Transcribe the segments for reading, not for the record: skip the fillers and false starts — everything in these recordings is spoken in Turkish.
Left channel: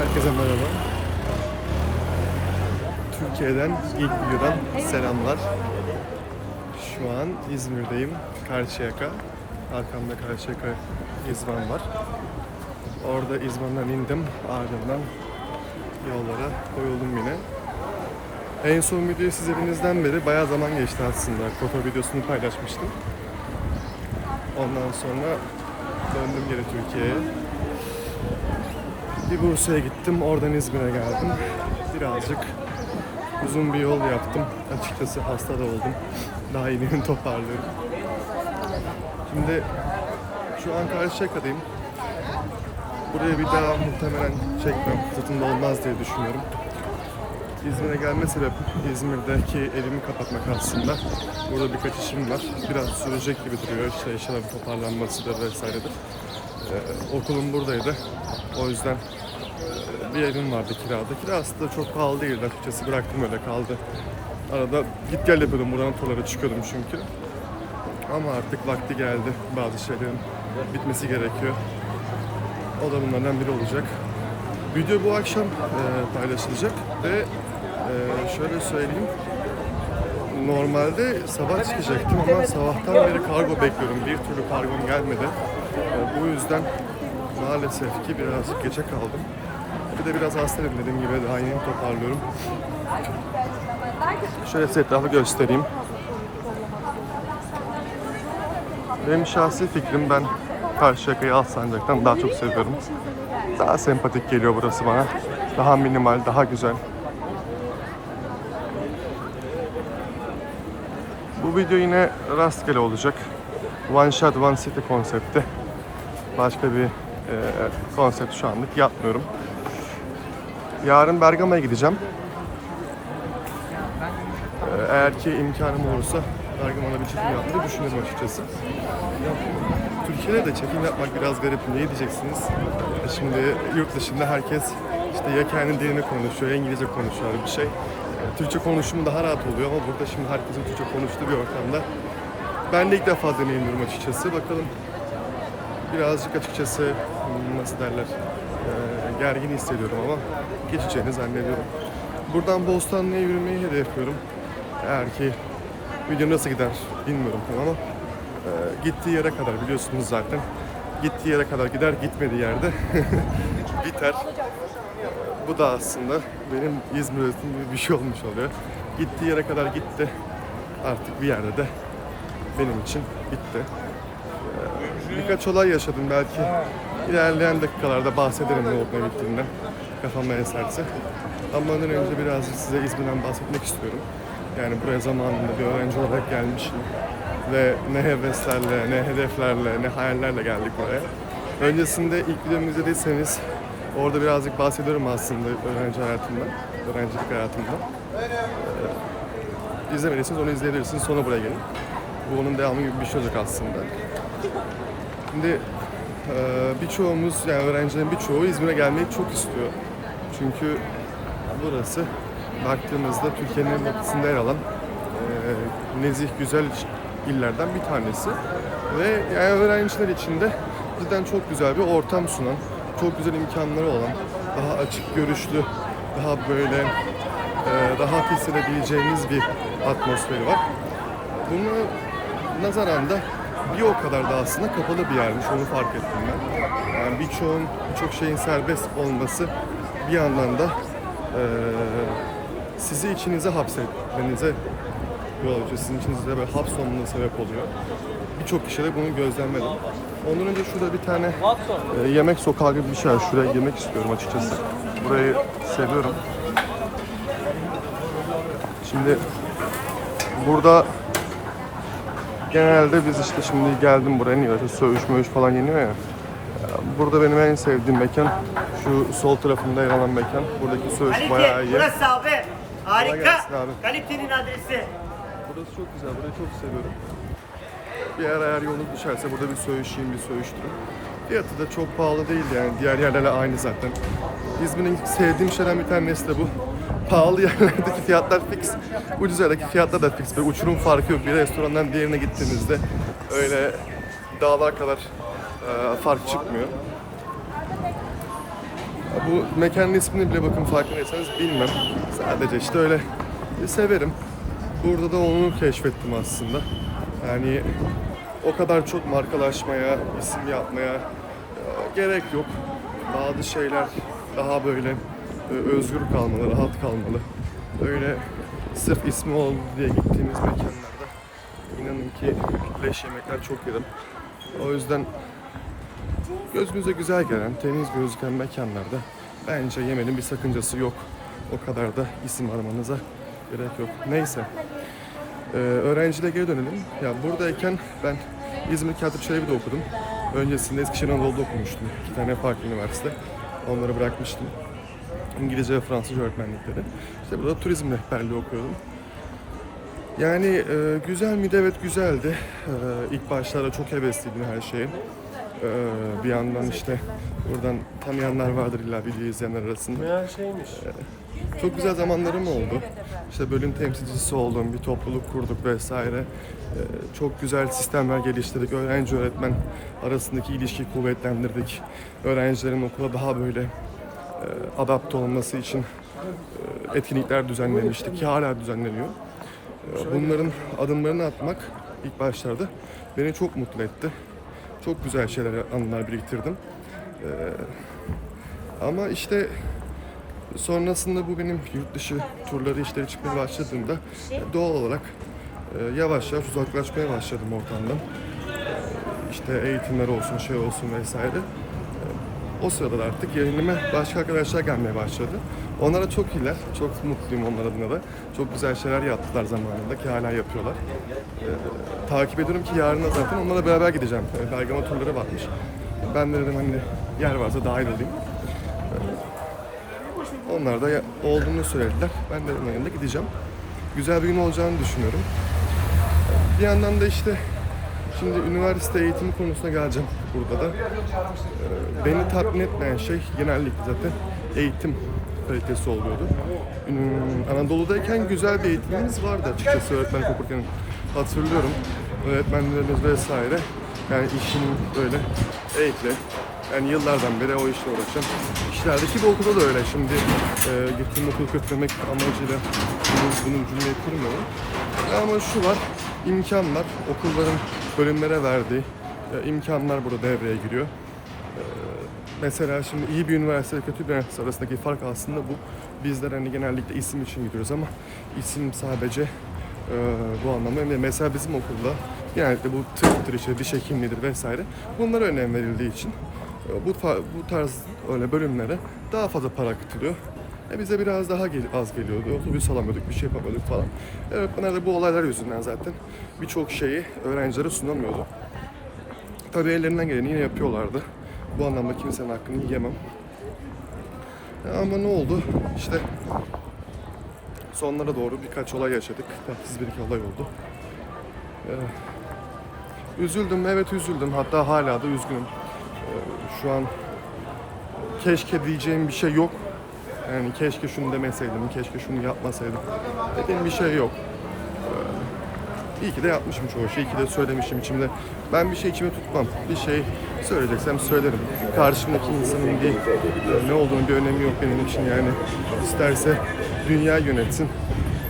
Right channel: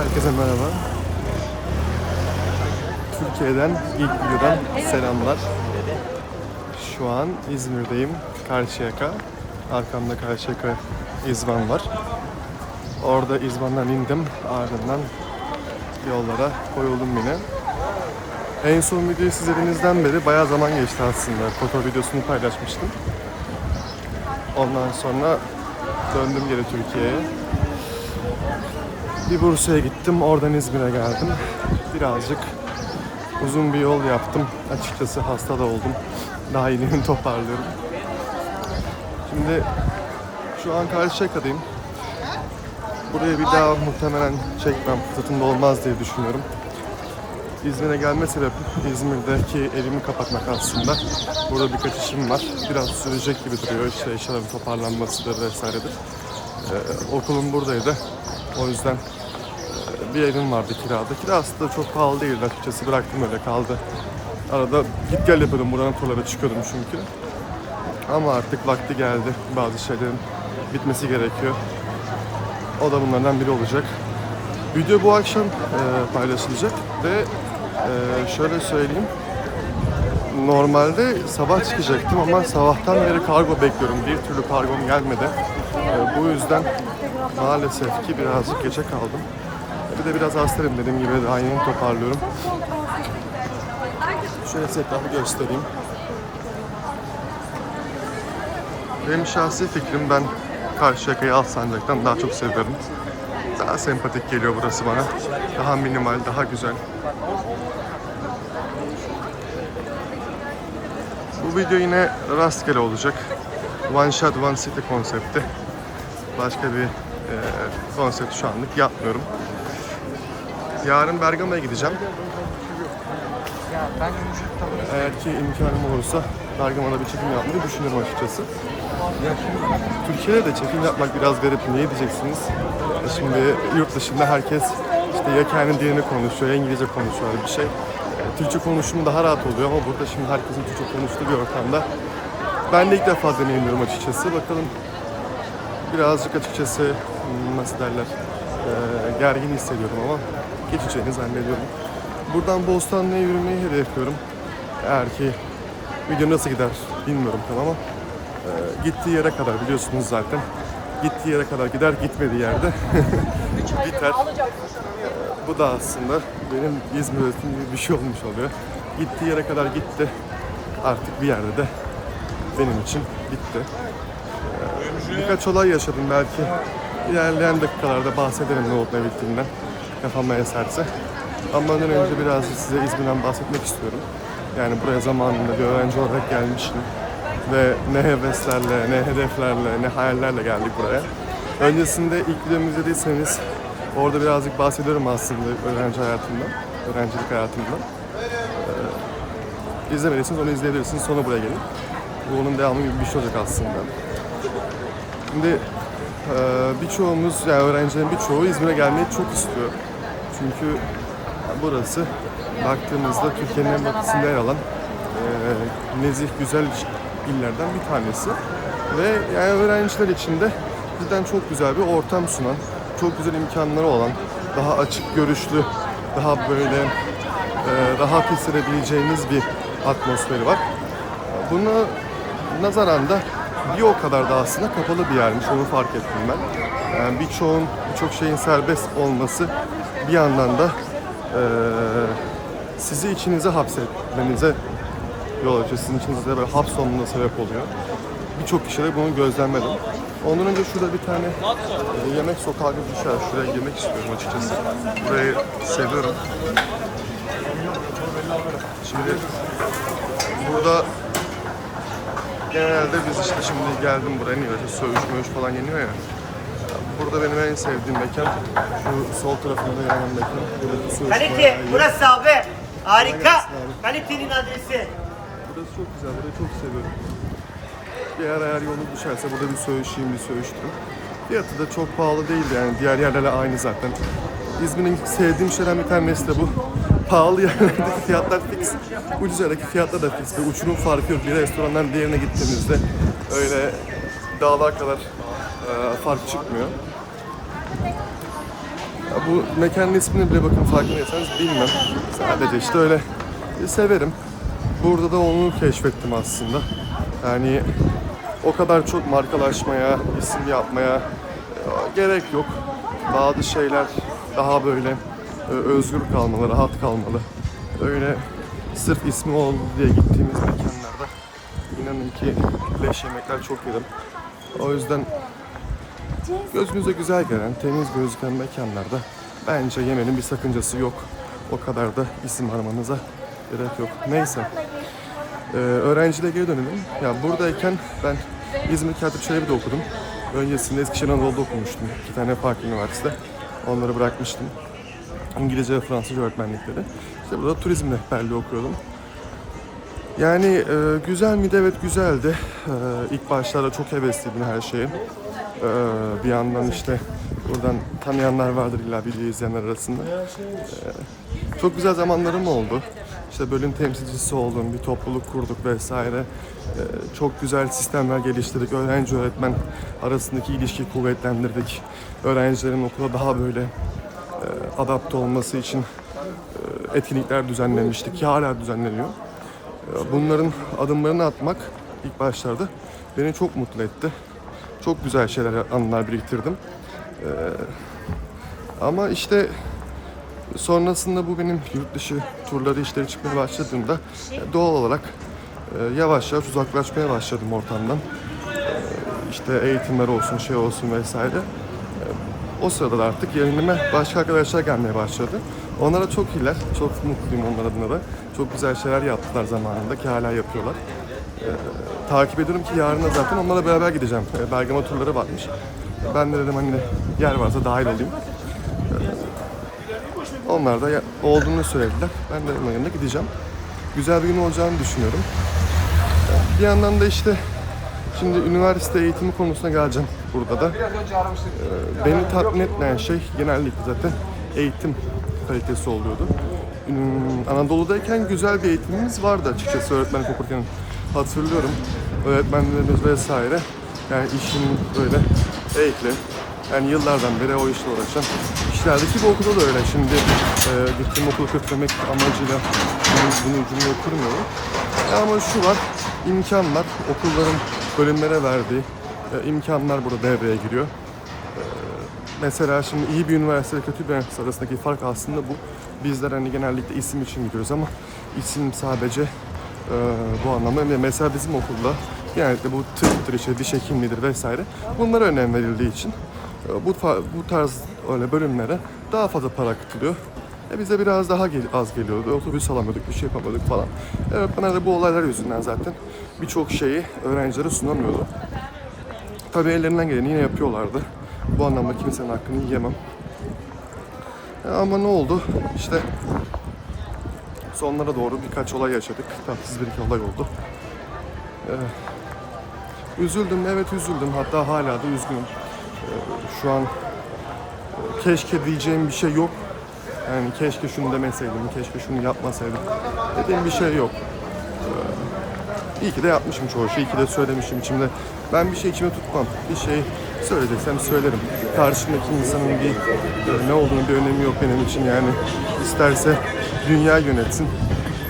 Herkese merhaba. Türkiye'den, ilk videodan selamlar. Şu an İzmir'deyim, Karşıyaka. Arkamda Karşıyaka İzban var. Orada İzban'dan indim, ardından yollara koyuldum yine. En son videoyu siz evinizden beri bayağı zaman geçti aslında. Kotor videosunu paylaşmıştım. Ondan sonra döndüm geri Türkiye'ye. Bir Bursa'ya gittim, oradan İzmir'e geldim. Birazcık uzun bir yol yaptım. Açıkçası hasta da oldum. Daha iyiliğini toparlıyorum. Şimdi şu an Karşıyaka'dayım. Buraya bir daha muhtemelen çekmem, fırsatım da olmaz diye düşünüyorum. İzmir'e gelme sebebim İzmir'deki evimi kapatmak aslında. Burada birkaç işim var. Biraz sürecek gibi duruyor. İşte eşyaların toparlanmasıdır vesairedir. Okulum buradaydı. O yüzden bir evim vardı kirada. Kira aslında çok pahalı değildi açıkçası. Bıraktım öyle kaldı. Arada git gel yapıyordum. Buradan buralara çıkıyordum çünkü. Ama artık vakti geldi. Bazı şeylerin bitmesi gerekiyor. O da bunlardan biri olacak. Video bu akşam paylaşılacak ve şöyle söyleyeyim. Normalde sabah çıkacaktım ama sabahtan beri kargo bekliyorum. Bir türlü kargom gelmedi. Bu yüzden maalesef ki birazcık geçe kaldım. Bir de biraz hastayım, dediğim gibi daha yeni toparlıyorum. Şöyle size etrafı göstereyim. Benim şahsi fikrim, ben Karşıyaka'yı Alsancak'tan daha çok seviyorum. Daha sempatik geliyor burası bana. Daha minimal, daha güzel. Bu video yine rastgele olacak. One shot, one city konsepti. Başka bir konsept şu anlık yapmıyorum. Yarın Bergama'ya gideceğim. Eğer ki imkanım olursa Bergama'da bir çekim yapmayı düşünüyorum açıkçası. Türkiye'de de çekim yapmak biraz garip. Niye diyeceksiniz? Şimdi yurt dışında herkes işte ya kendi dilini konuşuyor, ya İngilizce konuşuyor bir şey. Türkçe konuşumu daha rahat oluyor ama burada şimdi herkesin Türkçe konuştuğu bir ortamda ben de ilk defa deneyimliyorum açıkçası. Bakalım, birazcık açıkçası nasıl derler, gergin hissediyorum ama geçeceğini zannediyorum. Buradan Bostanlı'ya yürümeyi hedefliyorum. Eğer ki video nasıl gider bilmiyorum ama gittiği yere kadar biliyorsunuz zaten. Gittiği yere kadar gider, gitmediği yerde biter. Bu da aslında benim İzmir öğretim gibi bir şey olmuş oluyor. Gittiği yere kadar gitti. Artık bir yerde de benim için bitti. Birkaç olay yaşadım, belki ilerleyen dakikalarda bahsederim ne olup ne bittiğinden. Kafama eserse. Ama ondan önce biraz size İzmir'den bahsetmek istiyorum. Yani buraya zamanında bir öğrenci olarak gelmişim. Ve ne heveslerle, ne hedeflerle, ne hayallerle geldik buraya. Öncesinde ilk videomu izlediyseniz orada birazcık bahsediyorum aslında öğrenci hayatımdan, öğrencilik hayatımdan. İzlemediyseniz onu izleyebilirsiniz, sonra buraya gelin. Bu onun devamı gibi bir şey olacak aslında. Şimdi birçoğumuz, yani öğrencilerin birçoğu İzmir'e gelmeyi çok istiyor. Çünkü burası baktığımızda Türkiye'nin en batısında yer alan nezih, güzel illerden bir tanesi. Ve yani öğrenciler için de cidden çok güzel bir ortam sunan, çok güzel imkanları olan, daha açık görüşlü, daha böyle rahat hissedebileceğiniz bir atmosferi var. Buna nazaran da bir o kadar da aslında kapalı bir yermiş, onu fark ettim ben. Yani birçok şeyin serbest olması bir yandan da sizi içinize hapsetmenize yol açıyor. Sizin içinizde böyle hapsolmanıza sebep oluyor. Birçok kişide bunu gözlemledim. Ondan önce şurada bir tane yemek sokağı gibi bir şey var. Şuraya yemek istiyorum açıkçası. Burayı seviyorum. Şimdi burada genelde biz işte şimdi geldim buraya, niye söğüş falan yeniyor ya. Burada benim en sevdiğim mekan şu sol tarafında yer alan mekan. Buradaki söğüş bayağı iyi. Burası abi. Harika. Abi. Kalitenin adresi. Burası çok güzel, burayı çok seviyorum. Bir ara eğer yolunuz düşerse burada bir söğüş yiyeyim, bir söğüştürüm. Fiyatı da çok pahalı değildi, yani diğer yerlerle aynı zaten. İzmir'in sevdiğim şeylerden bir tanesi de bu. Pahalı yerlerdeki fiyatlar fix, ucuz yerdeki fiyatlar da fix. Böyle uçurum farkı yok. Bir restorandan diğerine gittiğinizde öyle dağlar kadar fark çıkmıyor. Ya bu mekanın ismini bile bakın farkındaysanız bilmem. Sadece işte öyle severim. Burada da onu keşfettim aslında. Yani o kadar çok markalaşmaya, isim yapmaya gerek yok. Bazı şeyler daha böyle özgür kalmalı, rahat kalmalı. Öyle sırf ismi oldu diye gittiğimiz mekanlarda inanın ki leş yemekler çok yedim. O yüzden gözünüze güzel gelen, temiz gözüken mekanlarda bence yemenin bir sakıncası yok. O kadar da isim aramanıza gerek yok. Neyse. Öğrenciliğe geri dönelim. Ya buradayken ben İzmir Katip Çelebi'de okudum. Öncesinde Eskişehir Anadolu'da okumuştum. 2 tane farklı üniversite. Onları bırakmıştım. İngilizce ve Fransızca öğretmenlikleri. İşte burada turizm rehberliği okuyordum. Yani güzel miydi? Evet güzeldi. İlk başlarda çok hevesliydim her şeye. Bir yandan işte buradan tanıyanlar vardır illa video izleyenler arasında. Çok güzel zamanlarım oldu. İşte bölüm temsilcisi oldum, bir topluluk kurduk vesaire. Çok güzel sistemler geliştirdik. Öğrenci öğretmen arasındaki ilişkiyi kuvvetlendirdik. Öğrencilerin okula daha böyle adapte olması için etkinlikler düzenlemiştik ki hala düzenleniyor. Bunların adımlarını atmak ilk başlarda beni çok mutlu etti. Çok güzel şeyler, anılar biriktirdim. Ama işte sonrasında bu benim yurt dışı turları işleri çıkmaya başladığımda doğal olarak yavaş yavaş uzaklaşmaya başladım ortamdan. İşte eğitimler olsun, şey olsun vesaire. O sırada da artık yerime başka arkadaşlar gelmeye başladı. Onlara çok iyiler, çok mutluyum onlar adına da. Çok güzel şeyler yaptılar zamanında ki hala yapıyorlar. Takip ediyorum ki yarın da zaten onlarla beraber gideceğim. Bergama turları varmış. Ben de dedim hani yer varsa dahil olayım. Onlar da olduğunu söylediler. Ben de onların yanına gideceğim. Güzel bir gün olacağını düşünüyorum. Bir yandan da işte şimdi üniversite eğitimi konusuna geleceğim burada da. Beni tatmin etmeyen şey genellikle zaten eğitim kalitesi oluyordu. Anadolu'dayken güzel bir eğitimimiz vardı açıkçası öğretmenlik okurken. Hatırlıyorum öğretmenlerimiz vesaire. Yani işinin böyle ehli. Yani yıllardan beri o işle uğraşan kişilerdi ki bu okulda da öyle. Şimdi gittiğim okulu kötülemek amacıyla bunu cümleyi kurmuyorum. Ama şu var, imkanlar, okulların bölümlere verdiği imkanlar burada devreye giriyor. Mesela şimdi iyi bir üniversite ve kötü bir üniversite arasındaki fark aslında bu. Bizler hani genellikle isim için gidiyoruz ama isim sadece bu anlamda. Mesela bizim okulda genellikle bu tıptır, işte diş hekimliğidir vesaire bunlara önem verildiği için bu tarz öyle bölümlere daha fazla para katılıyor. Bize biraz daha az geliyordu. Otobüs alamıyorduk, bir şey yapamıyorduk falan. Öğretmenler de bu olaylar yüzünden zaten birçok şeyi öğrencilere sunamıyordu. Tabii ellerinden geleni yine yapıyorlardı. Bu anlamda kimsenin hakkını yiyemem. Ama ne oldu? İşte sonlara doğru birkaç olay yaşadık. Tatsız bir iki olay oldu. Üzüldüm, evet üzüldüm. Hatta hala da üzgünüm. Şu an keşke diyeceğim bir şey yok. Yani keşke şunu demeseydim, keşke şunu yapmasaydım dediğim bir şey yok. İyi ki de yapmışım çoğu şey, iyi ki de söylemişim içimde. Ben bir şey içime tutmam. Bir şey söyleyeceksem söylerim. Karşımdaki insanın bir ne olduğunu bir önemi yok benim için yani. İsterse dünya yönetsin.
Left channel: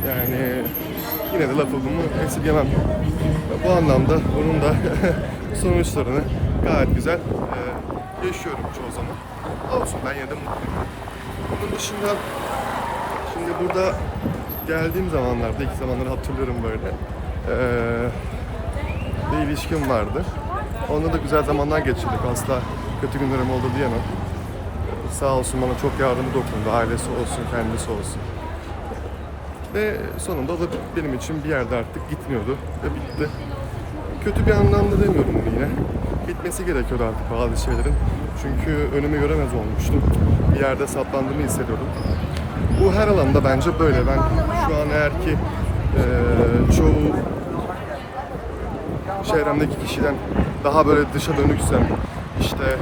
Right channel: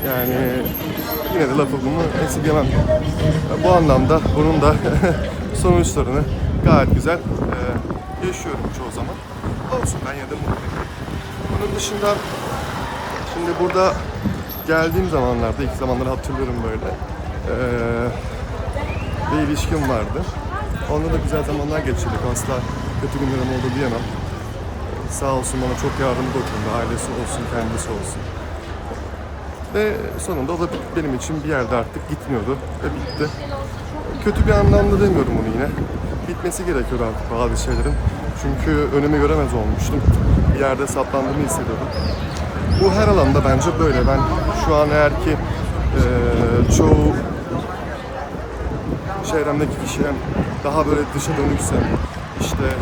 Yani yine de lafımı esirgemem. Bu anlamda bunun da sonuçlarını gayet güzel yaşıyorum çoğu zaman. Olsun, ben yine de mutluyum. Bunun dışında şimdi burada geldiğim zamanlarda, ilk zamanları hatırlıyorum böyle. Bir ilişkim vardı. Onunla da güzel zamanlar geçirdik. Asla kötü günlerim oldu diyemem. Sağ olsun bana çok yardımı dokundu. Ailesi olsun, kendisi olsun. Ve sonunda o da benim için bir yerde artık gitmiyordu ve bitti. Kötü bir anlamda demiyorum bunu yine. Bitmesi gerekiyordu artık bazı şeylerin. Çünkü önümü göremez olmuştum. Bir yerde saplandığımı hissediyordum. Bu her alanda bence böyle. Ben şu an eğer ki çoğu çevremdeki kişiden daha böyle dışa dönüksem, işte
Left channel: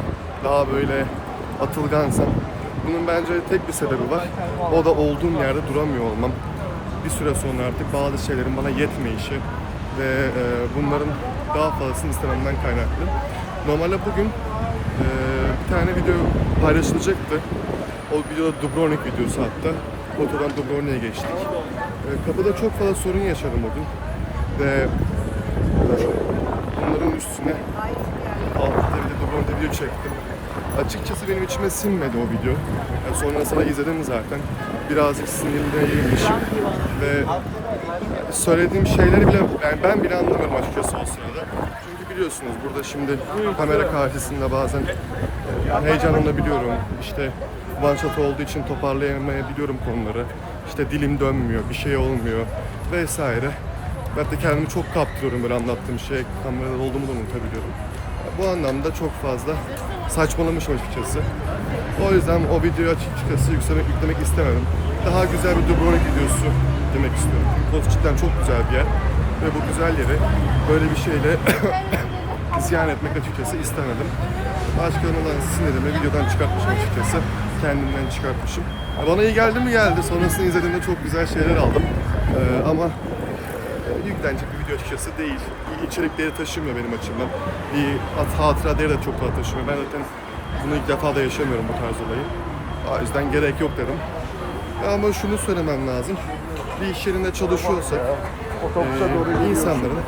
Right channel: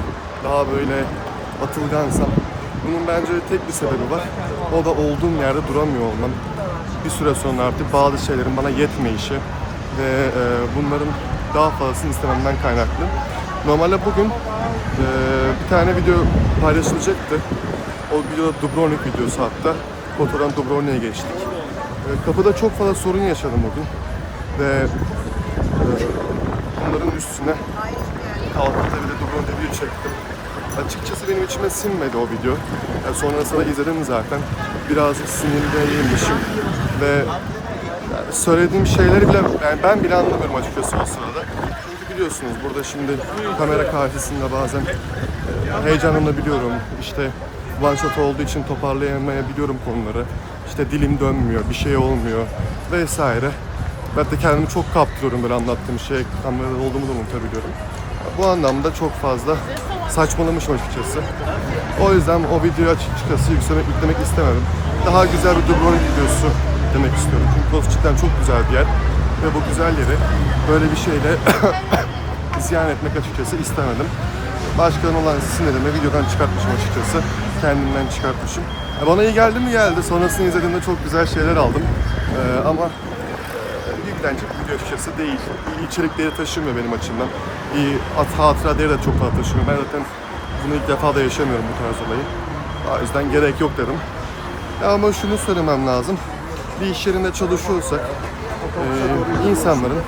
daha böyle atılgansam, bunun bence tek bir sebebi var. O da olduğum yerde duramıyor olmam. Bir süre sonra artık bazı şeylerin bana yetmeyişi ve bunların daha fazlasını istememden kaynaklı. Normalde bugün bir tane video paylaşılacaktı. O videoda Dubrovnik videosu hatta. Kotor'dan Dubrovnik'e geçtik. Kapıda çok fazla sorun yaşadım o gün. Ve bunların üstüne kalkıp da Dubrovnik'e video çektim. Açıkçası benim içime sinmedi o video. Yani sonrasında izledim zaten. Birazcık sinirliymişim ve yani söylediğim şeyleri bile yani ben bile anlamıyorum açıkçası o sırada. Çünkü biliyorsunuz burada şimdi kamera karşısında bazen heyecanlanabiliyorum. İşte one shot olduğu için toparlayamayabiliyorum konuları. İşte dilim dönmüyor, bir şey olmuyor vesaire. Ben de kendimi çok kaptırıyorum böyle anlattığım şeye, kamerada olduğumu da unutabiliyorum. Bu anlamda çok fazla saçmalamışım açıkçası. O yüzden o videoyu açıkçası yüklemek istemedim. Daha güzel bir Dubrovnik videosu demek istiyorum. Çünkü Kos cidden çok güzel bir yer. Ve bu güzel yeri böyle bir şeyle ziyan etmek açıkçası istemedim. Başkalarına olan sinirimi videodan çıkartmışım açıkçası. Kendimden çıkartmışım. Bana iyi geldi mi geldi. Sonrasını izlediğimde çok güzel şeyler aldım. Ama yüklenecek bir video açıkçası değil. İçerik değeri taşımıyor benim açımdan. Bir hatıra değeri de çok fazla taşımıyor. Ben zaten bunu ilk defa da yaşamıyorum bu tarz olayı. O yüzden gerek yok dedim. Ama şunu söylemem lazım. Bir iş yerinde çalışıyorsak insanların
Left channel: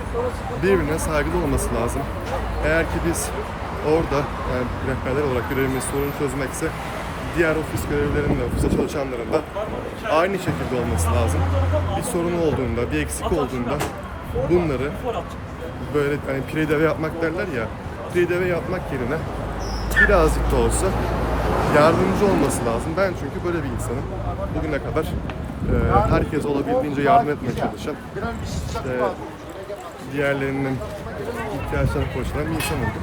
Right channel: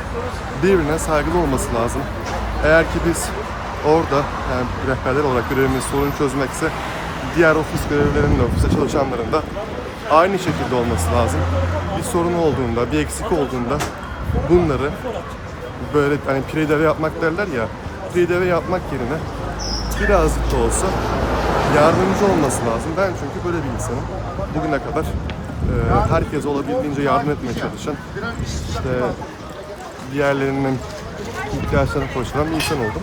birbirine saygılı olması lazım. Eğer ki biz orada yani rehberler olarak görevimiz sorun çözmekse diğer ofis görevlilerinin de ofiste çalışanların da aynı şekilde olması lazım. Bir sorun olduğunda, bir eksik olduğunda bunları böyle hani prideve yapmak derler ya, prideve yapmak yerine birazcık da olsa yardımcı olması lazım. Ben çünkü böyle bir insanım. Bugüne kadar herkes olabildiğince yardım etmeye çalışan, işte diğerlerinin ihtiyaçlarını koşturan bir insan oldum.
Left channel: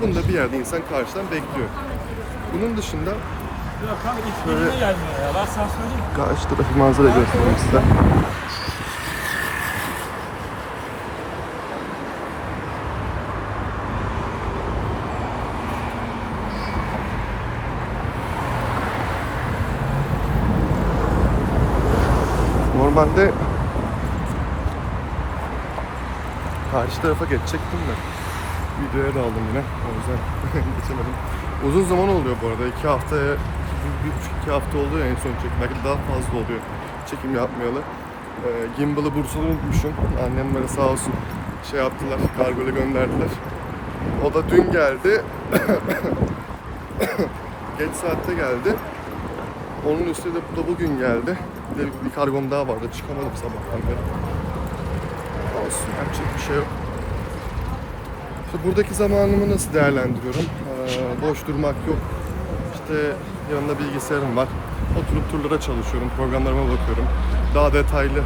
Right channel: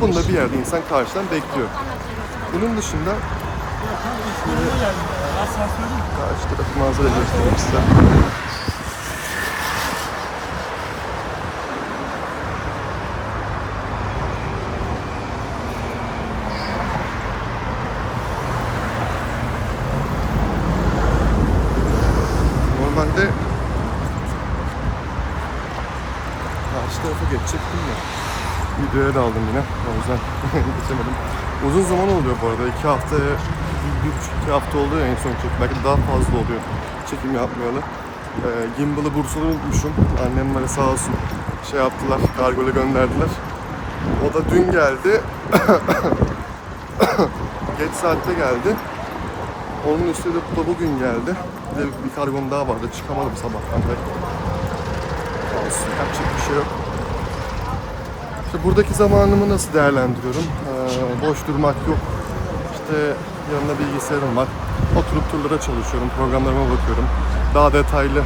Bunu da bir yerde insan karşıdan bekliyor. Bunun dışında şöyle karşıdaki manzara göstereyim size. Normalde karşı tarafa geçecektim de videoya daldım yine, o yüzden geçemedim. Uzun zaman oluyor bu arada, 2 haftaya, 1,5-2 hafta oldu ya en son çekim, belki de daha fazla oluyor çekim yapmayalı. Gimbal'ı Bursa'da unutmuşum, annemlere sağ olsun şey yaptılar, kargoyla gönderdiler. O da dün geldi, geç saatte geldi. Onun üstüne de bugün geldi. Bir de bir kargom daha vardı, çıkamadım sabahtan beri. Olsun, yapacak bir şey yok. İşte buradaki zamanımı nasıl değerlendiriyorum? Boş durmak yok. İşte yanımda bilgisayarım var. Oturup turlara çalışıyorum, programlarıma bakıyorum. Daha detaylı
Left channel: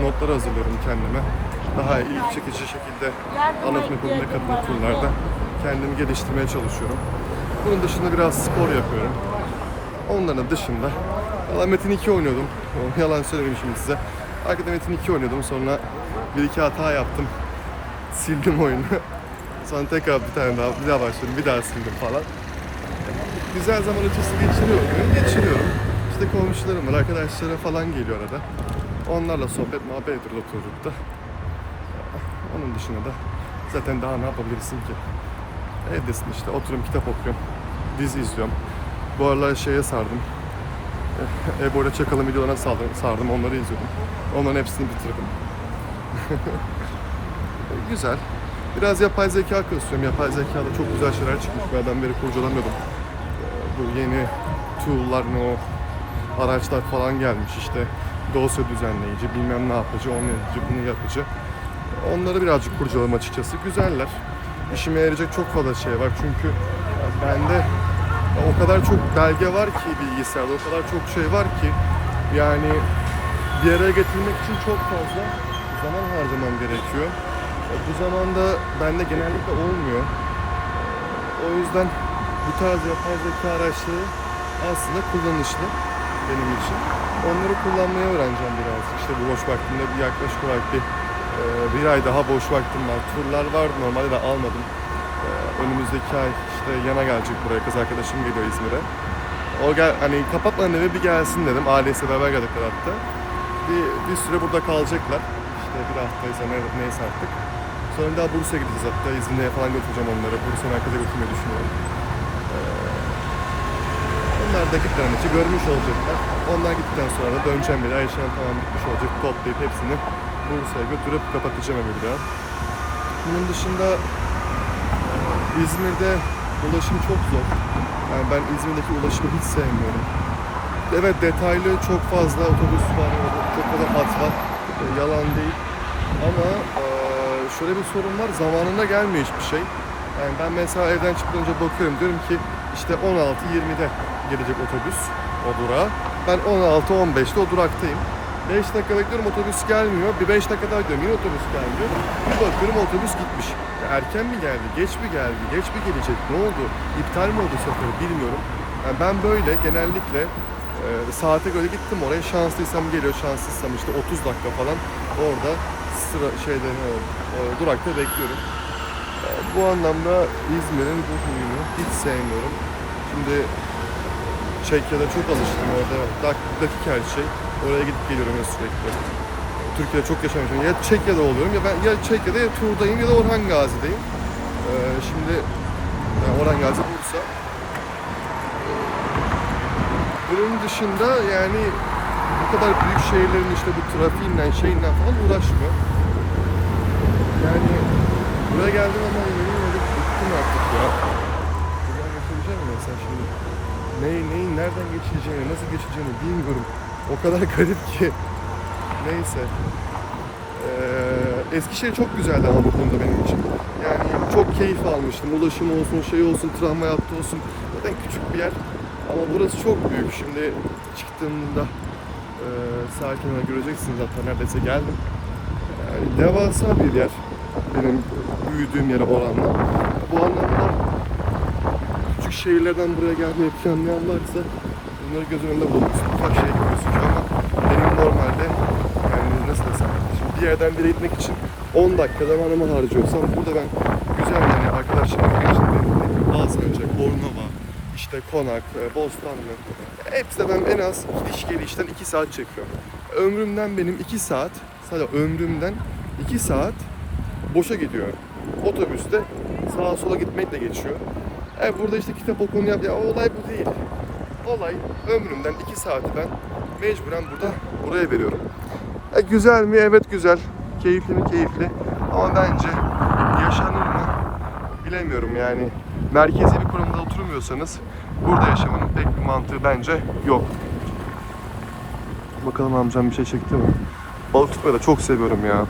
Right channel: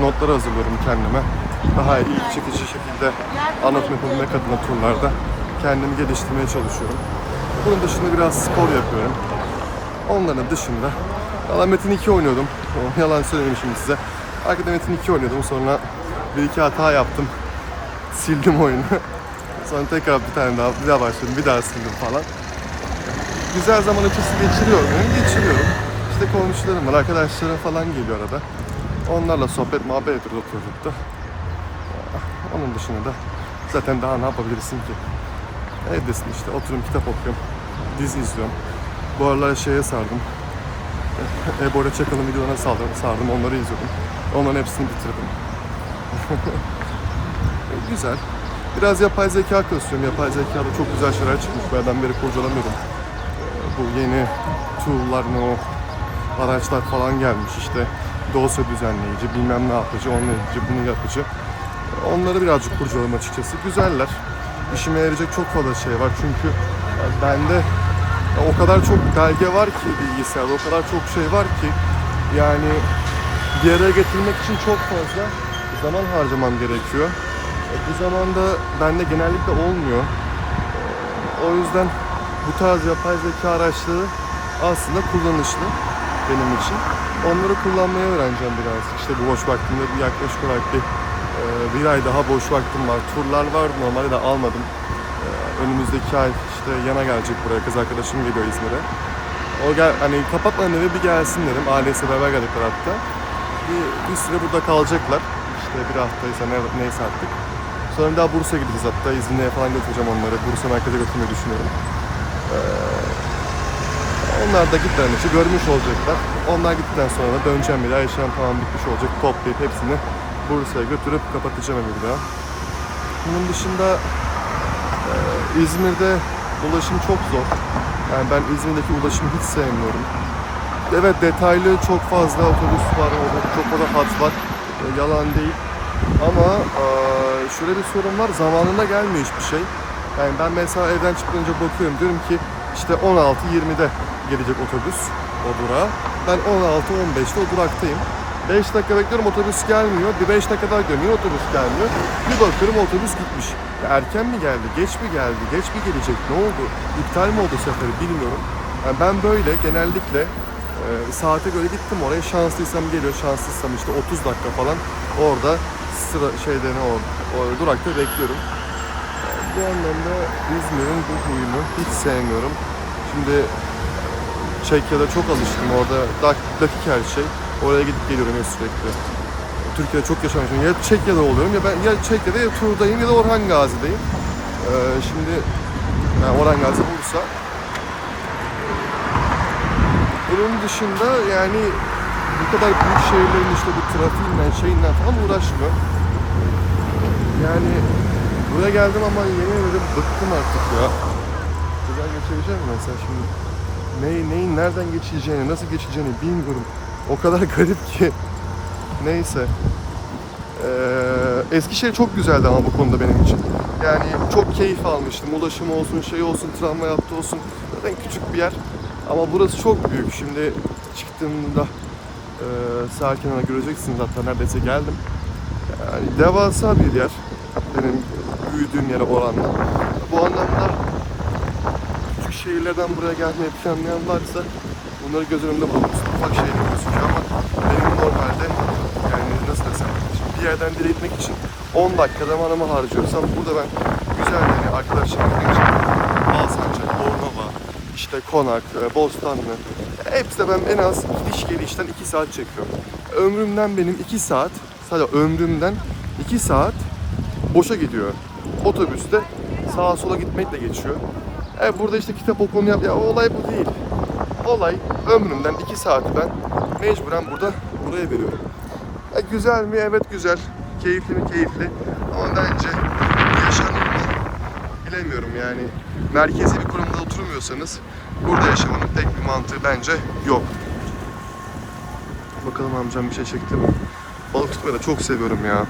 notlar hazırlıyorum kendime. Daha ilgi çekici şekilde anlatım yapabilmek adına turlarda kendimi geliştirmeye çalışıyorum. Bunun dışında biraz spor yapıyorum. Onların dışında Metin 2 oynuyordum. Yalan söylemeyeyim şimdi size. Arkada Metin 2 oynuyordum. Sonra 1-2 hata yaptım. Sildim oyunu. Sonra tekrar bir daha başladım. Bir daha sildim falan. Güzel zaman ötesi geçiriyorum. İşte komşularım var, arkadaşlarım falan geliyor arada. Onlarla sohbet, muhabbet ediyoruz oturduk da. Onun dışında da zaten daha ne yapabilirsin ki? Evdesin işte, oturuyorum, kitap okuyorum, dizi izliyorum. Bu aralar şeye sardım. Ebo ile Çakal'ın videolarına sardım, onları izledim. Onların hepsini bitirdim. Güzel. Biraz yapay zeka kasıyorum. Yapay zekada çok güzel şeyler çıkmış. Ben beri kurcalamıyordum. Bu yeni tool'lar, o araçlar falan gelmiş işte. Dosya düzenleyici, bilmem ne yapıcı, onu yapıcı, bunu yapıcı. Onları birazcık kurcaladım açıkçası. Güzeller. İşime yarayacak çok fazla şey var çünkü bende o kadar çok belge var ki bilgisayarda, o kadar çok şey var ki yani bir araya getirmek için çok fazla zaman harcamam gerekiyor. Bu zamanda bende genellikle olmuyor. O yüzden bu tarz yapay zeka araçları aslında kullanışlı benim için. Onları kullanmayı öğreneceğim biraz. İşte bu boş vaktimde yaklaşık olarak bir ay daha boş vaktim var. Turlar vardı, normalde de almadım. Önümüzdeki ay işte yana gelecek buraya, kız arkadaşım geliyor İzmir'e. Hani kapatmadan eve bir gelsin dedim. Ailesiyle beraber geldikler hatta. Bir süre burada kalacaklar. İşte bir haftaysa neyse artık. Sonra daha Bursa'ya gideceğiz hatta. İzmir'e falan götüreceğim onları. Bursa merkeze götürmeyi düşünüyorum. Onlar da gitmeden önce görmüş olacaklar. Onlar gittikten sonra da döneceğim bir daha. Yaşam tamam bitmiş olacak. Toplayıp hepsini Bursa'ya götürüp kapatacağım evi bir daha. Bunun dışında İzmir'de ulaşım çok zor. Yani ben İzmir'deki ulaşımı hiç sevmiyorum. Evet, detaylı çok fazla otobüs var, çok fazla hat var. Yalan değil. Ama şöyle bir sorun var, zamanında gelmiyor hiçbir şey. Yani ben mesela evden çıkınca bakıyorum, diyorum ki işte 16:20'de gelecek otobüs o durağa. Ben 16:15'te o duraktayım. 5 dakika bekliyorum, otobüs gelmiyor. Bir 5 dakika daha gidiyorum, yine otobüs gelmiyor. Bir bakıyorum otobüs gitmiş. Ya erken mi geldi, geç mi geldi, geç mi gelecek, ne oldu? İptal mi oldu seferi bilmiyorum. Yani ben böyle genellikle saate göre gittim oraya. Şanslıysam geliyor, şanssızsam işte 30 dakika falan orada sıra durakta bekliyorum. Bu anlamda İzmir'in bu huyunu hiç sevmiyorum. Şimdi Çekya'da çok alıştım, orada dakik her şey. Oraya gidip geliyorum ya sürekli. Türkiye'de çok yaşamışım. Ya Çekya'da oluyorum ya ben ya Çekya'da ya Tur'dayım ya da Orhan Gazi'deyim. Şimdi yani Orhan Gazi Bursa. Bunun dışında yani bu kadar büyük şehirlerin işte bu trafiğinden şeyinden falan uğraşmıyor. Yani buraya geldim ama yemin ederim bıktım artık ya. Buradan geçebileceğim mi mesela şimdi? Neyin nereden geçeceğini, nasıl geçeceğini bilmiyorum. O kadar garip ki. Neyse. Eskişehir çok güzeldi ama bu konuda benim için. Yani çok keyif almıştım. Ulaşım olsun, şey olsun, tramvay hattı olsun. Zaten küçük bir yer. Ama burası çok büyük. Şimdi çıktığımda sağ kenara göreceksiniz, hatta neredeyse geldim. Yani devasa bir yer. Benim büyüdüğüm yere oranla. Bu anlamda küçük şehirlerden buraya gelmeyi planlayan varsa bunları göz önünde bulundursun. Ufak şehir biliyorsunuz ama benim normalde yani nasıl desem, bir yerden bir yere gitmek için 10 dakika zamanımı harcıyorsam burada ben güzel yani arkadaşlarımla gideceğim. Alsancak, Bornova, işte Konak, Bostanlı. Hepsi de ben en az gidiş gelişten 2 saat çekiyorum. Ömrümden benim 2 saat, sadece ömrümden 2 saat boşa gidiyor. Otobüste sağa sola gitmekle geçiyor. Burada işte kitap okunu yap. Ya olay bu değil. Olay ömrümden 2 saati ben mecburen buraya veriyorum. Güzel mi? Evet güzel. Keyifli mi? Keyifli. Ama bence yaşanır mı? Bilemiyorum yani. Merkezi bir konumda oturmuyorsanız burada yaşamanın pek bir mantığı bence yok. Bakalım amcam bir şey çekti mi? Balık tutmayı da çok seviyorum ya.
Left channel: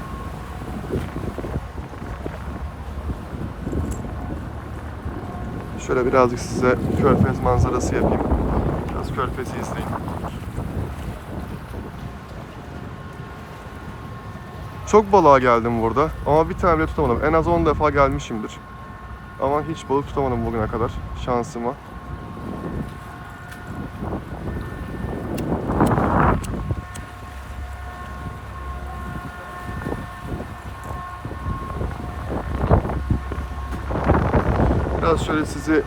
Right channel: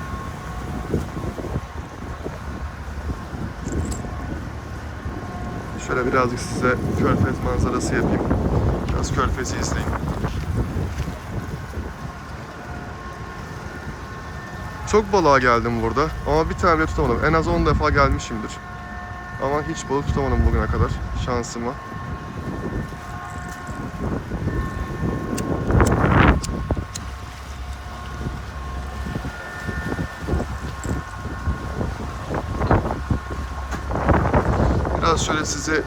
Şöyle birazcık size Körfez manzarası yapayım. Biraz Körfez'i izleyin. Çok balığa geldim burada ama bir tane bile tutamadım. En az 10 defa gelmişimdir. Ama hiç balık tutamadım bugüne kadar şansıma. Biraz şöyle sizi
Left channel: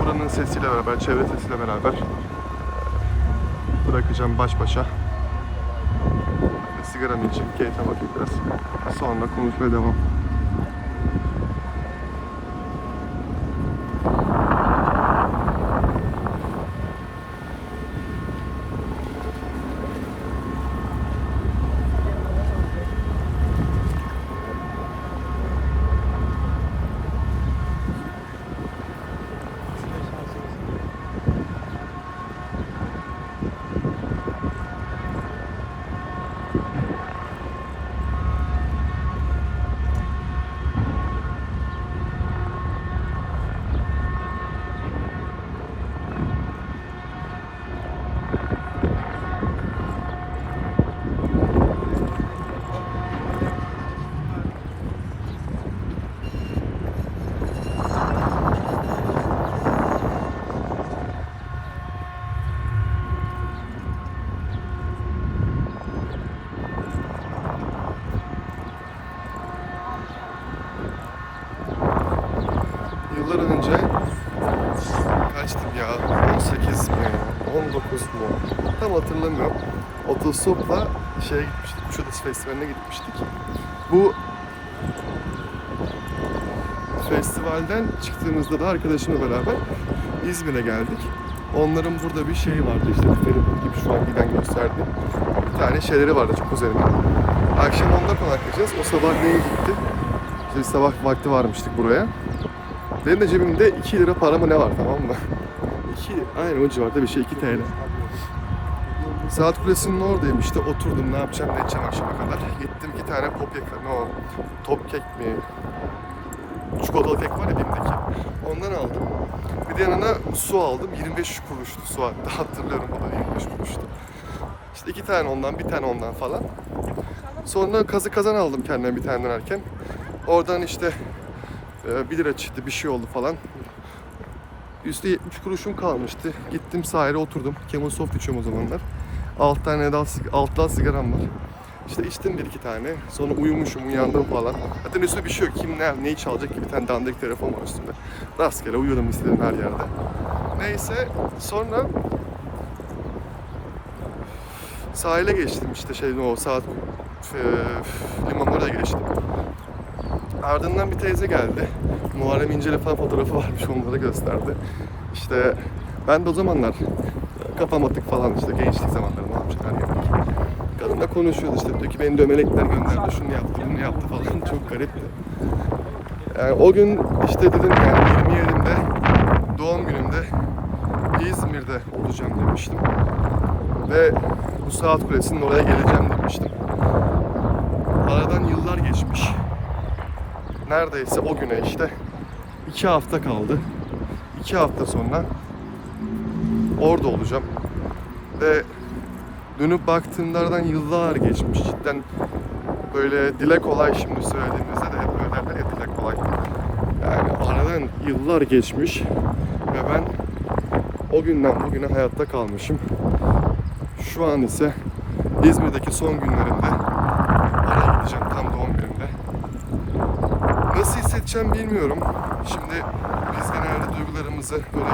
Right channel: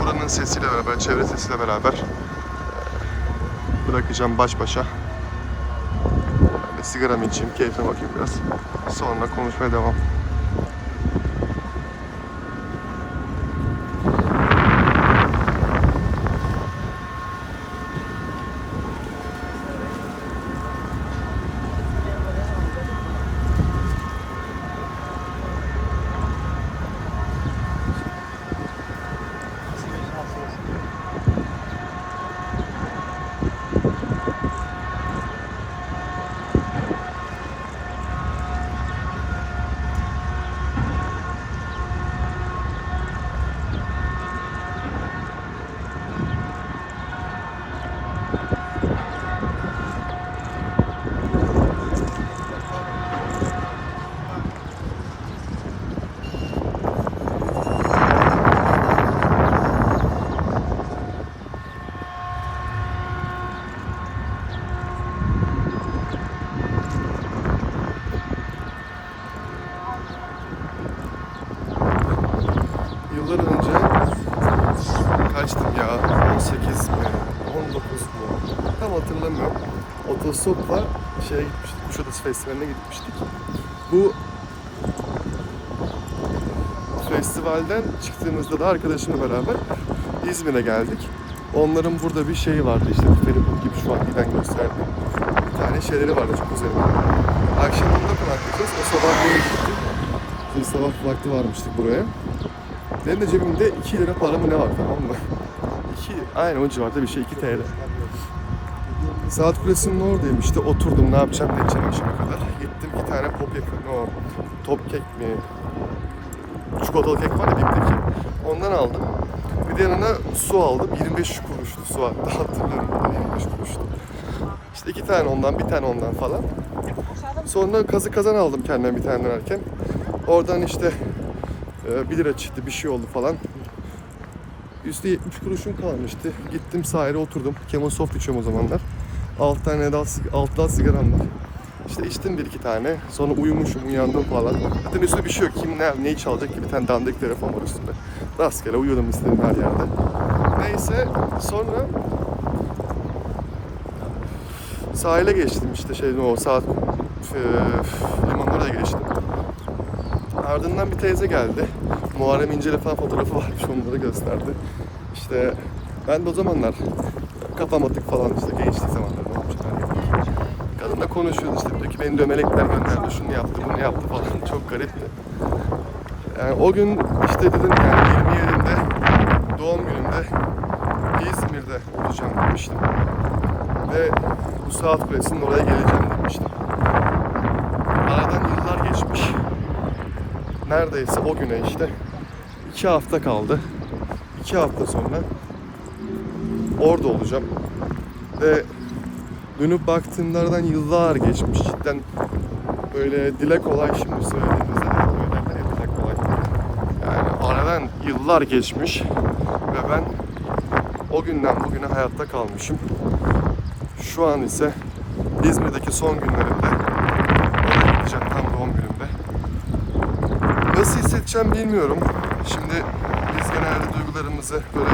buranın sesiyle beraber, çevre sesiyle beraber bırakacağım baş başa. Ben de sigaramı içeyim, keyfe bakayım biraz. Sonra konuşmaya devam. Yıllar önce kaçtım ya? 18 mi? 19 mu? Tam hatırlamıyorum. Otostopla şeye gitmiştik, Kuşadası Festivali'ne gitmiştik. Bu festivalden çıktığımızda da arkadaşımla beraber İzmir'e geldik. Onların burada bir şeyi vardı işte benim gibi şu an giden gösterdiğim. Bir tane şeyleri vardı çok üzerinde. Akşam onda konaklayacağız. O sabah neye gitti? İşte bir sabah vakti varmıştık buraya. Benim de cebimde 2 lira para mı ne var, tamam mı? 2, aynen o civarda bir şey, 2 TL. Saat Kulesi'nin oradayım işte, oturdum ne yapacağım ne edeceğim akşama kadar. Gittim 2 tane pop kek, ne o, top kek mi? Çikolatalı kek var ya, dipteki. Ondan aldım. Bir de yanına su aldım. 25 kuruştu su hatta, hatırlıyorum, o da 25 kuruştu. İşte 2 tane ondan, bir tane ondan falan. Sonra kazı kazan aldım kendime bir tane dönerken. Oradan işte 1 lira çıktı, bir şey oldu falan. Üstü 70 kuruşum kalmıştı. Gittim sahile oturdum. Camel Soft içiyorum o zamanlar. 6 tane daha, 6 daha sigaram var. İşte içtim 1-2 tane. Sonra uyumuşum, uyandım falan. Zaten üstüne bir şey yok. Kim neyi çalacak ki? Bir tane dandik telefon var üstünde. Rastgele uyuyordum istediğim her yerde. Neyse sonra sahile geçtim işte o saat limanın oraya geçtim. Ardından bir teyze geldi. Muharrem İnce'yle falan fotoğrafı varmış, onları gösterdi. İşte ben de o zamanlar kafam atık falan, işte gençlik zamanları ne yapacaklar. Kadınla konuşuyordu işte, diyor ki beni de melekler gönderdi, şunu yaptı bunu yaptı falan, çok garipti. Yani o gün işte dedim yani 27'inde doğum günümde İzmir'de olacağım demiştim. Ve bu Saat Kulesi'nin oraya geleceğim demiştim. Aradan yıllar geçmiş. Neredeyse o güne işte 2 hafta kaldı. 2 hafta sonra orada olacağım. Ve dönüp baktığımda aradan yıllar geçmiş. Cidden böyle dile kolay şimdi söylediğimizde de hep böyle derler ya, dile kolay. Yani aradan yıllar geçmiş ve ben o günden bugüne hayatta kalmışım. Şu an ise İzmir'deki son günlerimde oraya gideceğim, tam doğum günümde. Nasıl hissedeceğim bilmiyorum. Şimdi biz genelde duygularımızı böyle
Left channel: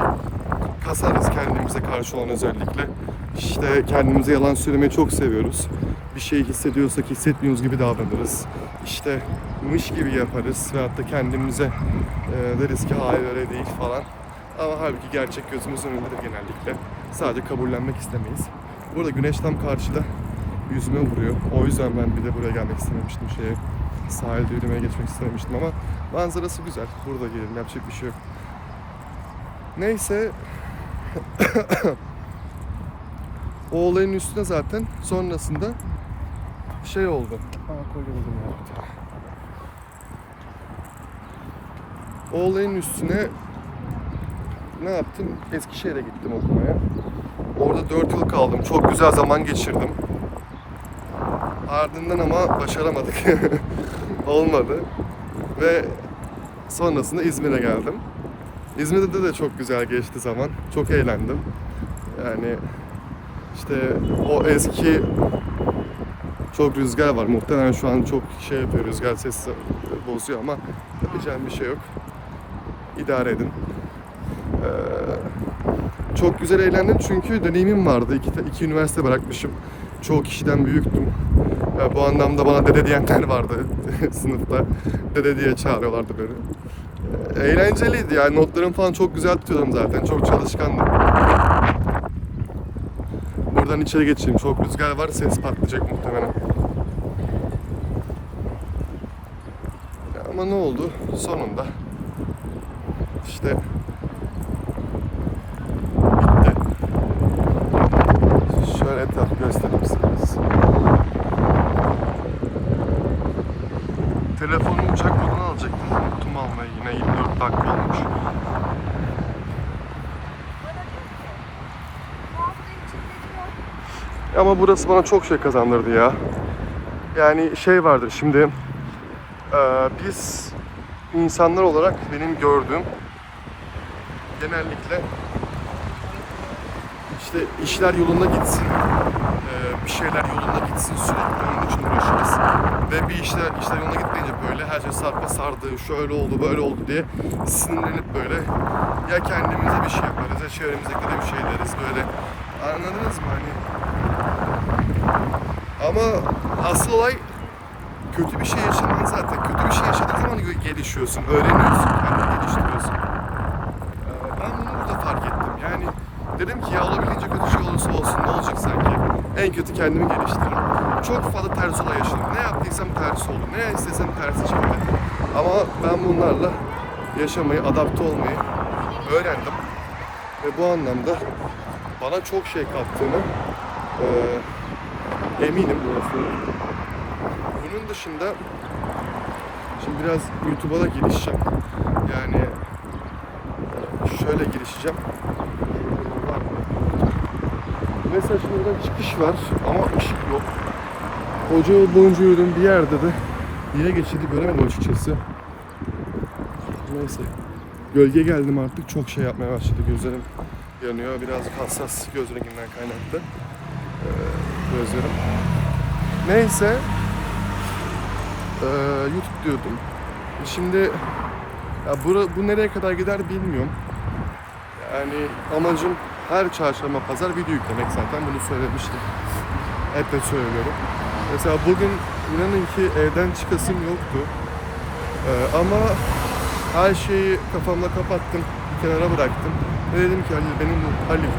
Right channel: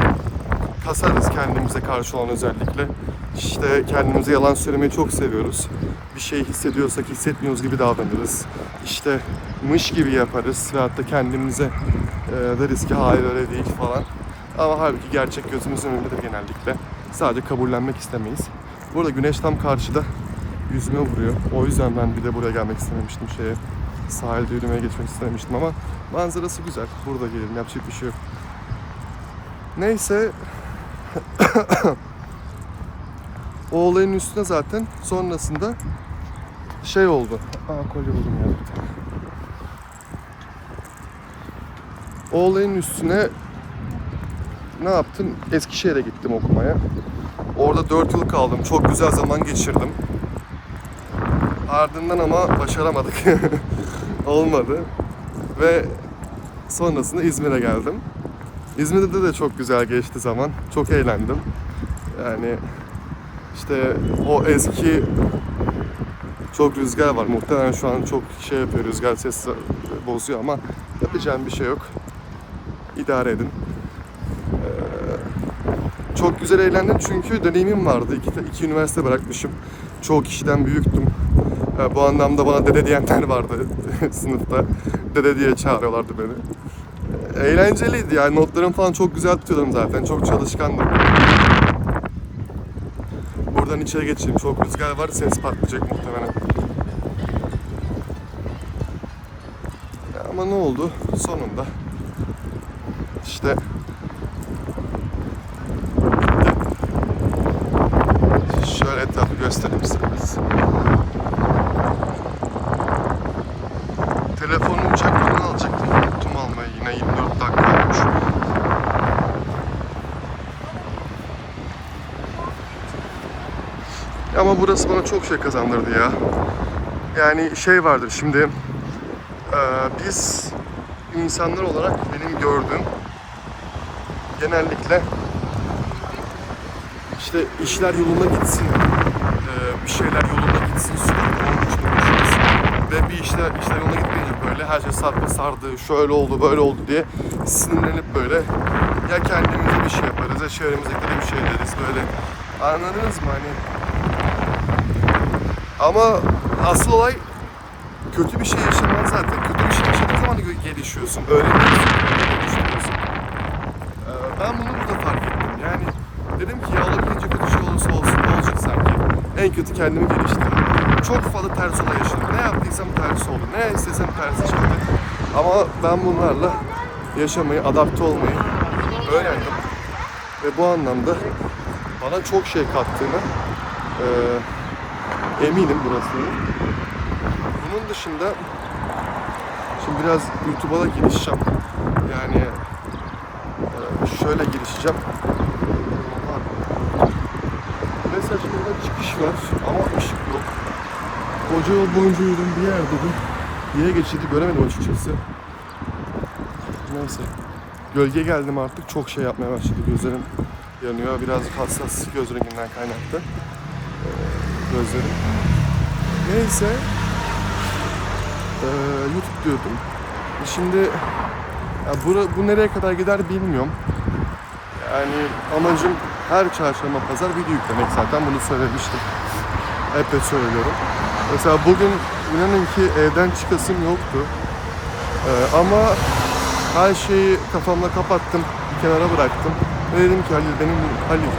kasarız kendimize karşı olan, özellikle. İşte kendimize yalan söylemeyi çok seviyoruz. Bir şey hissediyorsak hissetmiyoruz gibi davranırız. İşte mış gibi yaparız veyahut da kendimize deriz ki hayır öyle değil falan. Ama halbuki gerçek gözümüzün önündedir genellikle. Sadece kabullenmek istemeyiz. Burada güneş tam karşıda yüzüme vuruyor. O yüzden ben bir de buraya gelmek istememiştim, sahilde yürümeye geçmek istememiştim ama manzarası güzel. Burada gelelim, yapacak bir şey yok. Neyse o olayın üstüne zaten sonrasında oldu. Kolye buldum yani. O olayın üstüne ne yaptım? Eskişehir'e gittim okumaya. Orada 4 yıl kaldım. Çok güzel zaman geçirdim. Ardından ama başaramadık. Olmadı. Ve sonrasında İzmir'e geldim. İzmir'de de çok güzel geçti zaman. Çok eğlendim. Yani işte o eski çok rüzgar var. Muhtemelen şu an çok yapıyor, rüzgar ses bozuyor ama yapacağım bir şey yok. İdare edin. Çok güzel eğlendim çünkü deneyimim vardı. İki üniversite bırakmışım. Çoğu kişiden büyüktüm. Bu anlamda bana dede diyenler vardı sınıfta. Dede diye çağırıyorlardı beni. Eğlenceliydi yani, notlarım falan çok güzel tutuyordum zaten. Çok çalışkandım. Buradan içeri geçeyim. Çok rüzgar var, ses patlayacak muhtemelen. Ama ne oldu? Sonunda işte şöyle etrafı göstereyim size biraz. Telefonu uçak moduna alacaktım. Unuttum almayı yine, 24 dakika olmuş. Ama burası bana çok şey kazandırdı ya. Yani vardır şimdi, biz insanlar olarak benim gördüğüm genellikle işte işler yolunda gitsin, bir şeyler yolunda gitsin, sürekli onun için uğraşırız. Ve bir işler yoluna gitmeyince böyle her şey sardı, şöyle oldu, böyle oldu diye sinirlenip böyle ya kendimize bir şey yaparız ya çevremizdekilere bir şey deriz böyle. Anladınız mı hani? Ama asıl olay kötü bir şey yaşaman zaten. Kötü bir şey yaşadığın zaman gelişiyorsun, öğreniyorsun, geliştiriyorsun. Ben bunu burada fark ettim. Yani Dedim ki ya olabildiğince kötü şey olursa olsun, ne olacak sanki? En kötü kendimi geliştiririm. Çok fazla ters olay yaşadım. Ne yaptıysam tersi oldu. Ne istesem tersi çıktı. Ama ben bunlarla yaşamayı, adapte olmayı öğrendim. Ve bu anlamda bana çok şey kattığını eminim burası. Bunun dışında şimdi biraz YouTube'a da girişeceğim. Yani şöyle girişeceğim. Mesela şurada çıkış var ama ışık yok. Koca yol boyunca yürüdüğüm bir yerde de yine geçidi göremedim açıkçası. Neyse. Gölge geldim artık. Çok şey yapmaya başladı. Gözlerim yanıyor. Birazcık hassas göz renginden kaynaklı. Gözlerim. Neyse. YouTube diyordum. Şimdi ya bu nereye kadar gider bilmiyorum. Yani amacım her çarşamba pazar video yüklemek zaten. Bunu söylemiştim. Hep de söylüyorum. Mesela bugün inanın ki evden çıkasım yoktu. Ama her şeyi kafamda kapattım, bir kenara bıraktım. Ve dedim ki Halil,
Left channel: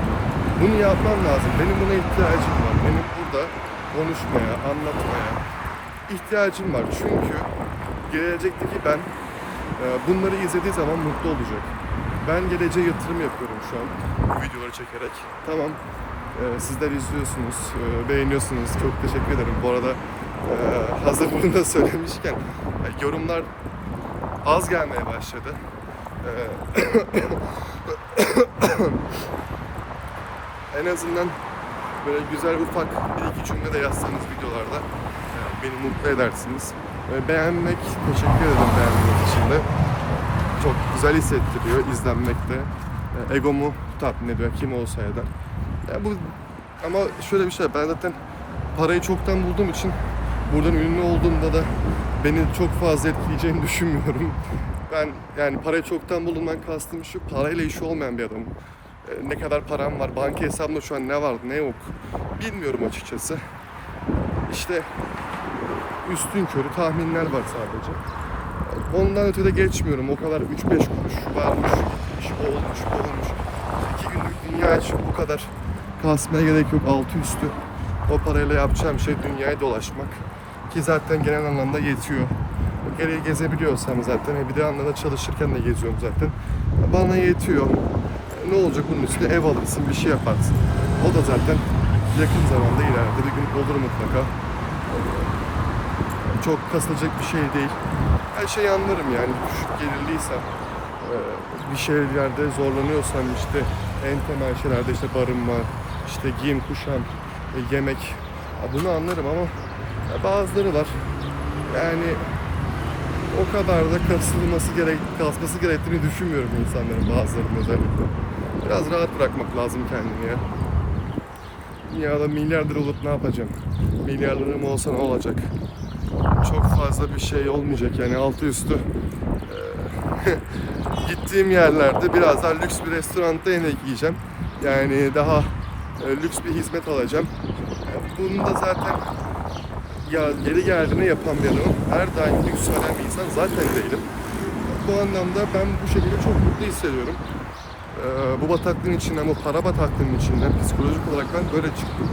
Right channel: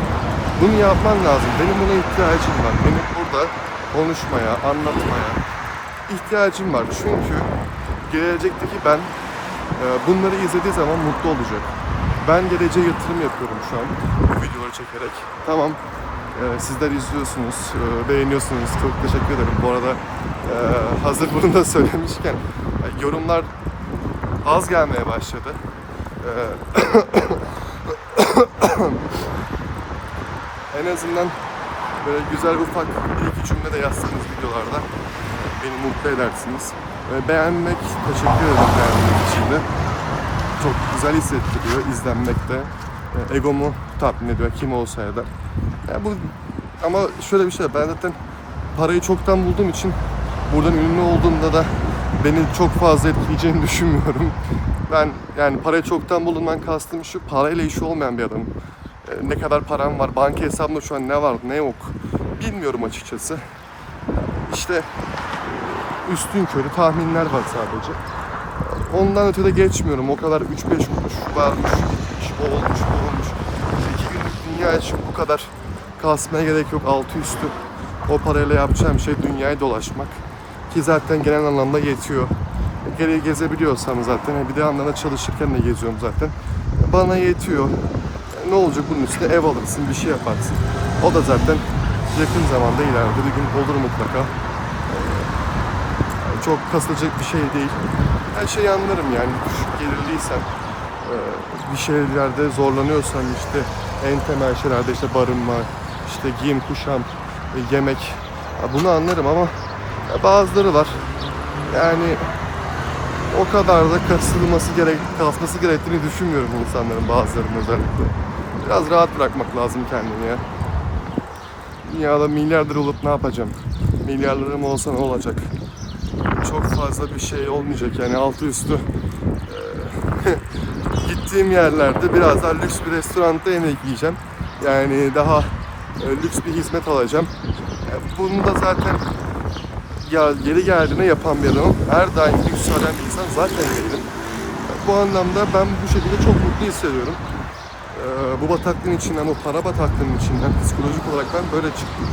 bunu yapman lazım. Benim buna ihtiyacım var. Benim burada konuşmaya, anlatmaya ihtiyacım var. Çünkü gelecekteki ben bunları izlediği zaman mutlu olacak. Ben geleceğe yatırım yapıyorum şu an videoları çekerek. Tamam, sizler izliyorsunuz, beğeniyorsunuz. Çok teşekkür ederim. Bu arada hazır bunu da söylemişken yorumlar az gelmeye başladı. En azından böyle güzel ufak bir iki cümle de yazsanız videolarda beni mutlu edersiniz. Beğenmek, teşekkür ederim beğendiğiniz için de. Çok güzel hissettiriyor izlenmekte. Egomu tatmin ediyor kim olsa ya da. Ama şöyle bir şey, ben zaten parayı çoktan bulduğum için buradan ünlü olduğumda da beni çok fazla etkileyeceğini düşünmüyorum. Ben yani parayı çoktan bulduğumdan kastım şu, parayla işi olmayan bir adamım. Ne kadar param var, banka hesabımda şu an ne var ne yok bilmiyorum açıkçası. İşte üstünkörü tahminler var sadece. Ondan ötede geçmiyorum. O kadar 3-5 kuruş varmış, o olmuş, bu olmuş. 2 günlük dünya için bu kadar kasmaya gerek yok. Altı üstü o parayla yapacağım şey dünyayı dolaşmak. Ki zaten genel anlamda yetiyor. Gereği gezebiliyorsam zaten, bir de anlamda çalışırken de geziyorum zaten. Bana yetiyor. Ne olacak bunun üstüne? Ev alırsın, bir şey yaparsın. O da zaten yakın zamanda ileride bir gün olur mutlaka. Çok kasılacak bir şey değil. Her şeyi anlarım yani. Düşük gelirliysen, bir şeylerde zorlanıyorsan işte en temel şeylerde işte barınma, işte giyim, kuşam, yemek. Bunu anlarım ama bazıları var. Yani o kadar da kasması gerektiğini düşünmüyorum insanların, bazılarının özellikle. Biraz rahat bırakmak lazım kendini ya. Dünyada milyarder olup ne yapacağım? Milyarlarım olsa ne olacak? Çok fazla bir şey olmayacak yani altı üstü. Gittiğim yerlerde biraz daha lüks bir restoranda yemek yiyeceğim. Yani daha lüks bir hizmet alacağım. Bunu da zaten yeri geldiğine yapan bir adamım. Her daim lüks arayan bir insan zaten değilim. Bu anlamda ben bu şekilde çok mutlu hissediyorum. Bu bataklığın içinden, bu para bataklığının içinden psikolojik olarak ben böyle çıktım.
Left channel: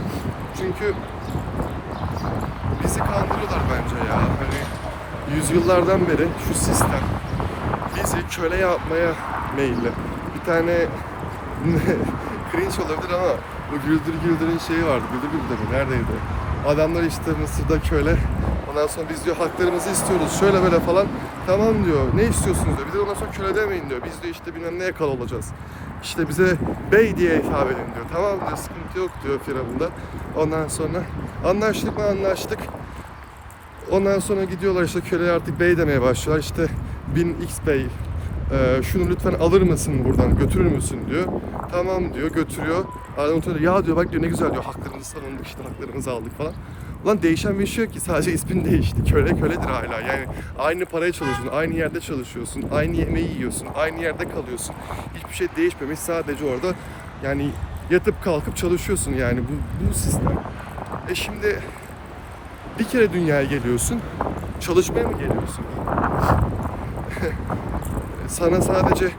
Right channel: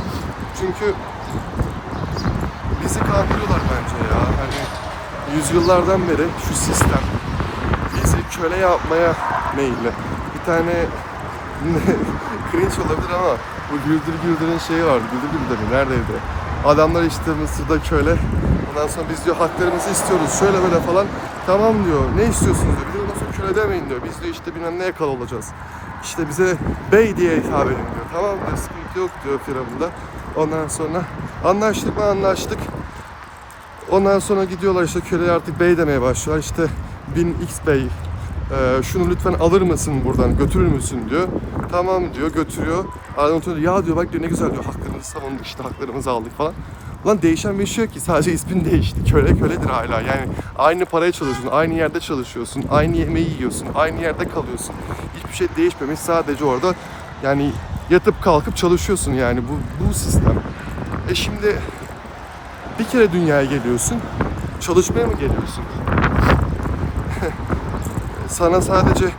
Çünkü bizi kandırıyorlar bence ya. Hani yüzyıllardan beri şu sistem bizi köle yapmaya meyilli. Bir tane cringe olabilir ama bu Güldür Güldür'ün şeyi vardı. Güldür Güldür neredeydi? Adamlar işte Mısır'da köle. Ondan sonra biz diyor haklarımızı istiyoruz. Şöyle böyle falan. Tamam diyor. Ne istiyorsunuz diyor. Bir de ondan sonra köle demeyin diyor. Biz diyor işte bilmem neye kal olacağız. İşte bize bey diye hitap edin diyor. Tamam diyor. Sıkıntı yok diyor Firavun'da. Ondan sonra anlaştık mı anlaştık. Ondan sonra gidiyorlar işte köleye artık bey demeye başlıyorlar. İşte 1000x bey şunu lütfen alır mısın buradan, götürür müsün diyor. Tamam diyor, götürüyor. Adam diyor, ya diyor bak diyor ne güzel diyor, haklarımızı savunduk işte, haklarımızı aldık falan. Ulan değişen bir şey yok ki, sadece ismin değişti. Köle köledir hala yani. Aynı paraya çalışıyorsun, aynı yerde çalışıyorsun, aynı yemeği yiyorsun, aynı yerde kalıyorsun. Hiçbir şey değişmemiş, sadece orada yani yatıp kalkıp çalışıyorsun yani bu sistem. Şimdi bir kere dünyaya geliyorsun, çalışmaya mı geliyorsun? Sana sadece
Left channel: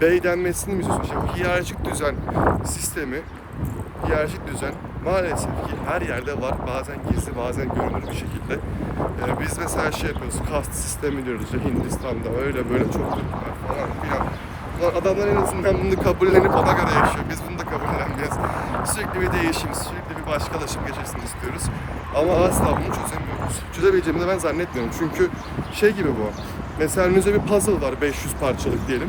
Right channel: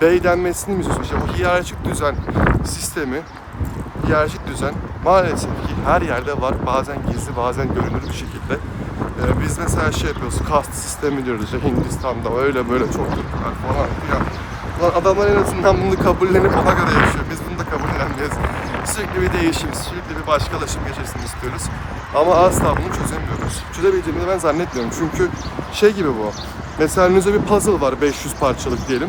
bey denmesini mi istiyorsun? İşte bu hiyerarşik düzen sistemi, hiyerarşik düzen maalesef ki her yerde var. Bazen gizli, bazen görünür bir şekilde. Biz mesela şey yapıyoruz, kast sistemi diyoruz işte Hindistan'da öyle böyle çok Türkler falan filan. Ulan adamlar en azından bunu kabullenip ona göre yaşıyor. Biz bunu da kabullenmeyiz. Sürekli bir değişim, sürekli bir başkalaşım geçirsin istiyoruz. Ama asla bunu çözemiyoruz. Çözebileceğimizi ben zannetmiyorum. Çünkü şey gibi bu. Mesela önünüzde bir puzzle var 500 parçalık diyelim.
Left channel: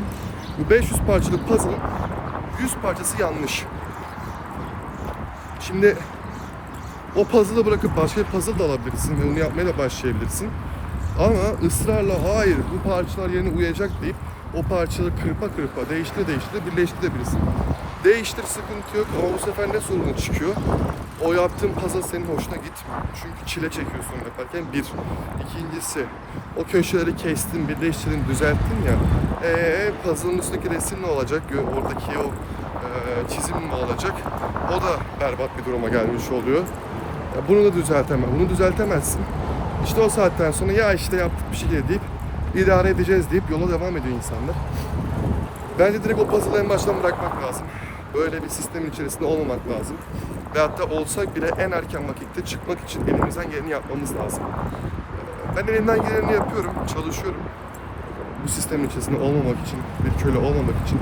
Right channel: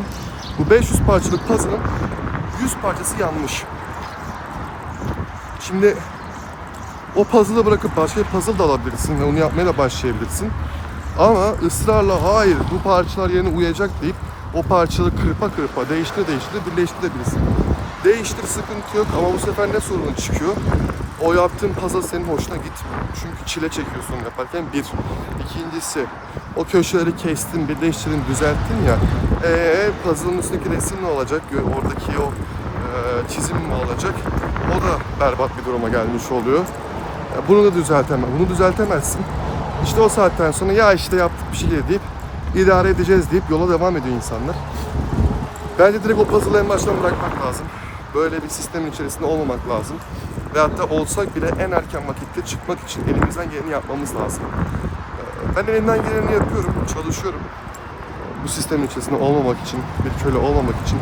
Bu 500 parçalık puzzle'ın 100 parçası yanlış. Şimdi o puzzle'ı bırakıp başka bir puzzle da alabilirsin ve onu yapmaya da başlayabilirsin. Ama ısrarla hayır bu parçalar yerine uyacak deyip o parçaları kırpa kırpa değiştire birleştirebilirsin. Değiştir sıkıntı yok ama bu sefer ne sorun çıkıyor? O yaptığın puzzle senin hoşuna gitmiyor. Çünkü çile çekiyorsun yaparken bir. İkincisi o köşeleri kestin, birleştirdin, düzelttin ya. Puzzle'ın üstündeki resim ne olacak? Oradaki o çizim ne olacak? O da berbat bir duruma gelmiş oluyor. Bunu da bunu düzeltemezsin. İşte o saatten sonra ya işte yaptık bir şey deyip idare edeceğiz deyip yola devam ediyor insanlar. Bence direkt o puzzle'ı en baştan bırakmak lazım. Böyle bir sistemin içerisinde olmamak lazım. Ve hatta olsak bile en erken vakitte çıkmak için elimizden geleni yapmamız lazım. Ben elimden geleni yapıyorum, çalışıyorum. Bu sistemin içerisinde olmamak için, bir köle olmamak için.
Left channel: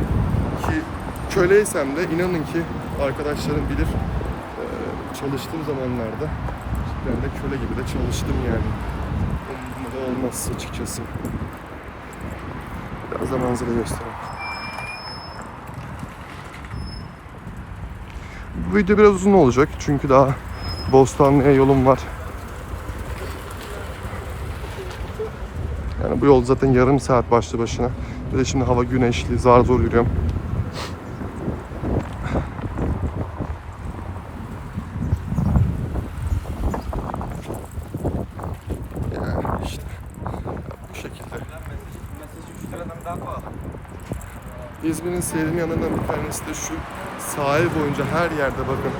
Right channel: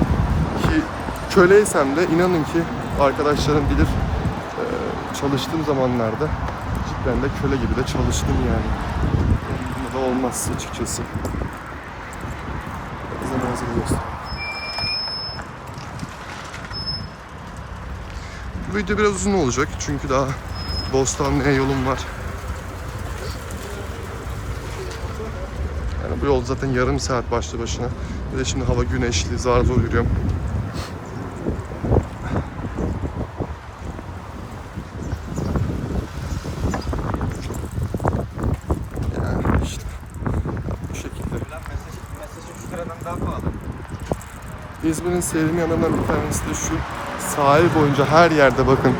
Ki köleysem de inanın ki arkadaşlarım bilir çalıştığım zamanlarda cidden de köle gibi de çalıştım yani. Bunda da olmaz açıkçası. Biraz da manzara göstereyim. Bu video biraz uzun olacak çünkü daha Bostanlı'ya yolum var. Yani bu yol zaten yarım saat başlı başına. Bir de şimdi hava güneşli, zar zor yürüyorum. Yani işte bu şekilde. Mesajı şu sıradan daha pahalı. İzmir'in sevdiğim yanlarından bir tanesi de şu. Sahil boyunca her yerde bakın.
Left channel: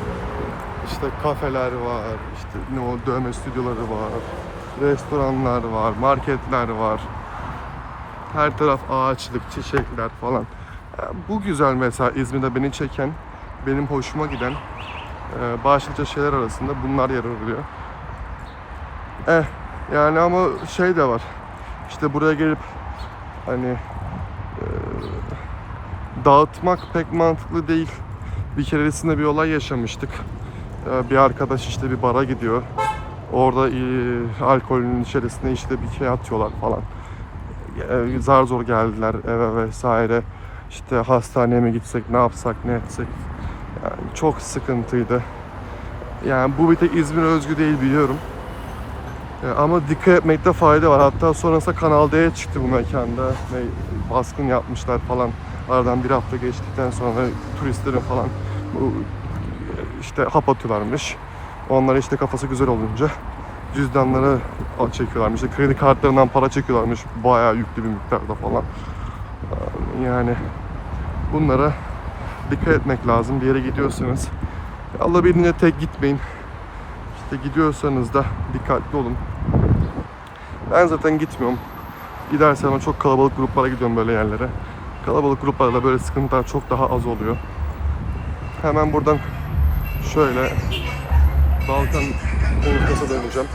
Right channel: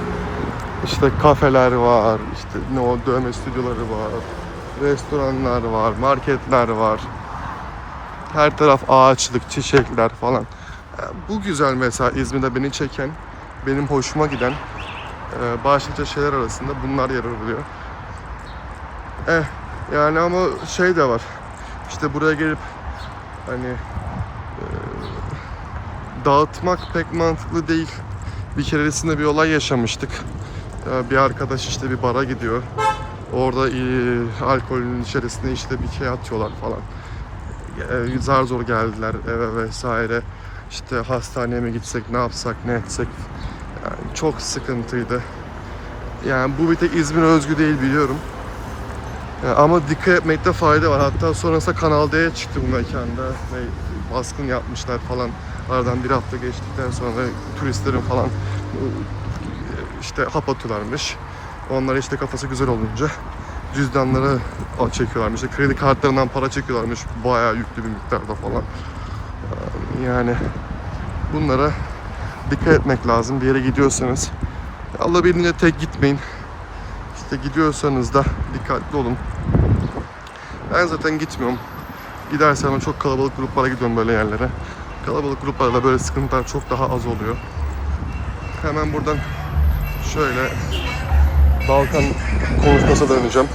İşte kafeler var, işte ne o dövme stüdyoları var, restoranlar var, marketler var. Her taraf ağaçlık, çiçekler falan. Bu güzel mesela İzmir'de beni çeken, benim hoşuma giden başlıca şeyler arasında bunlar yer alıyor. Yani ama şey de var. İşte buraya gelip hani dağıtmak pek mantıklı değil. Bir keresinde bir olay yaşamıştık. Bir arkadaş işte bir bara gidiyor. Orada alkolün içerisine işte bir şey atıyorlar falan. Zar zor geldiler eve vesaire. İşte hastaneye mi gitsek, ne yapsak, ne etsek. Yani çok sıkıntıydı. Yani bu bir tek İzmir'e özgü değil biliyorum. Ama dikkat etmekte fayda var. Hatta sonrasında Kanal D'ye çıktı bu mekanda. Baskın yapmışlar falan. Aradan bir hafta geçtikten sonra turistlerin falan işte hap atıyorlarmış. Onlar işte kafası güzel olunca cüzdanları çekiyorlarmış. İşte kredi kartlarından para çekiyorlarmış. Bayağı yüklü bir miktarda falan. Yani bunlara dikkat etmek lazım. Bir yere gidiyorsanız alabildiğince tek gitmeyin. İşte gidiyorsanız da dikkatli olun. Ben zaten gitmiyorum. Gidersem ama çok kalabalık gruplara gidiyorum böyle yerlere. Kalabalık gruplarda böyle sıkıntılar çok daha az oluyor. Hemen buradan şöyle Balkan konuşmasına döneceğim.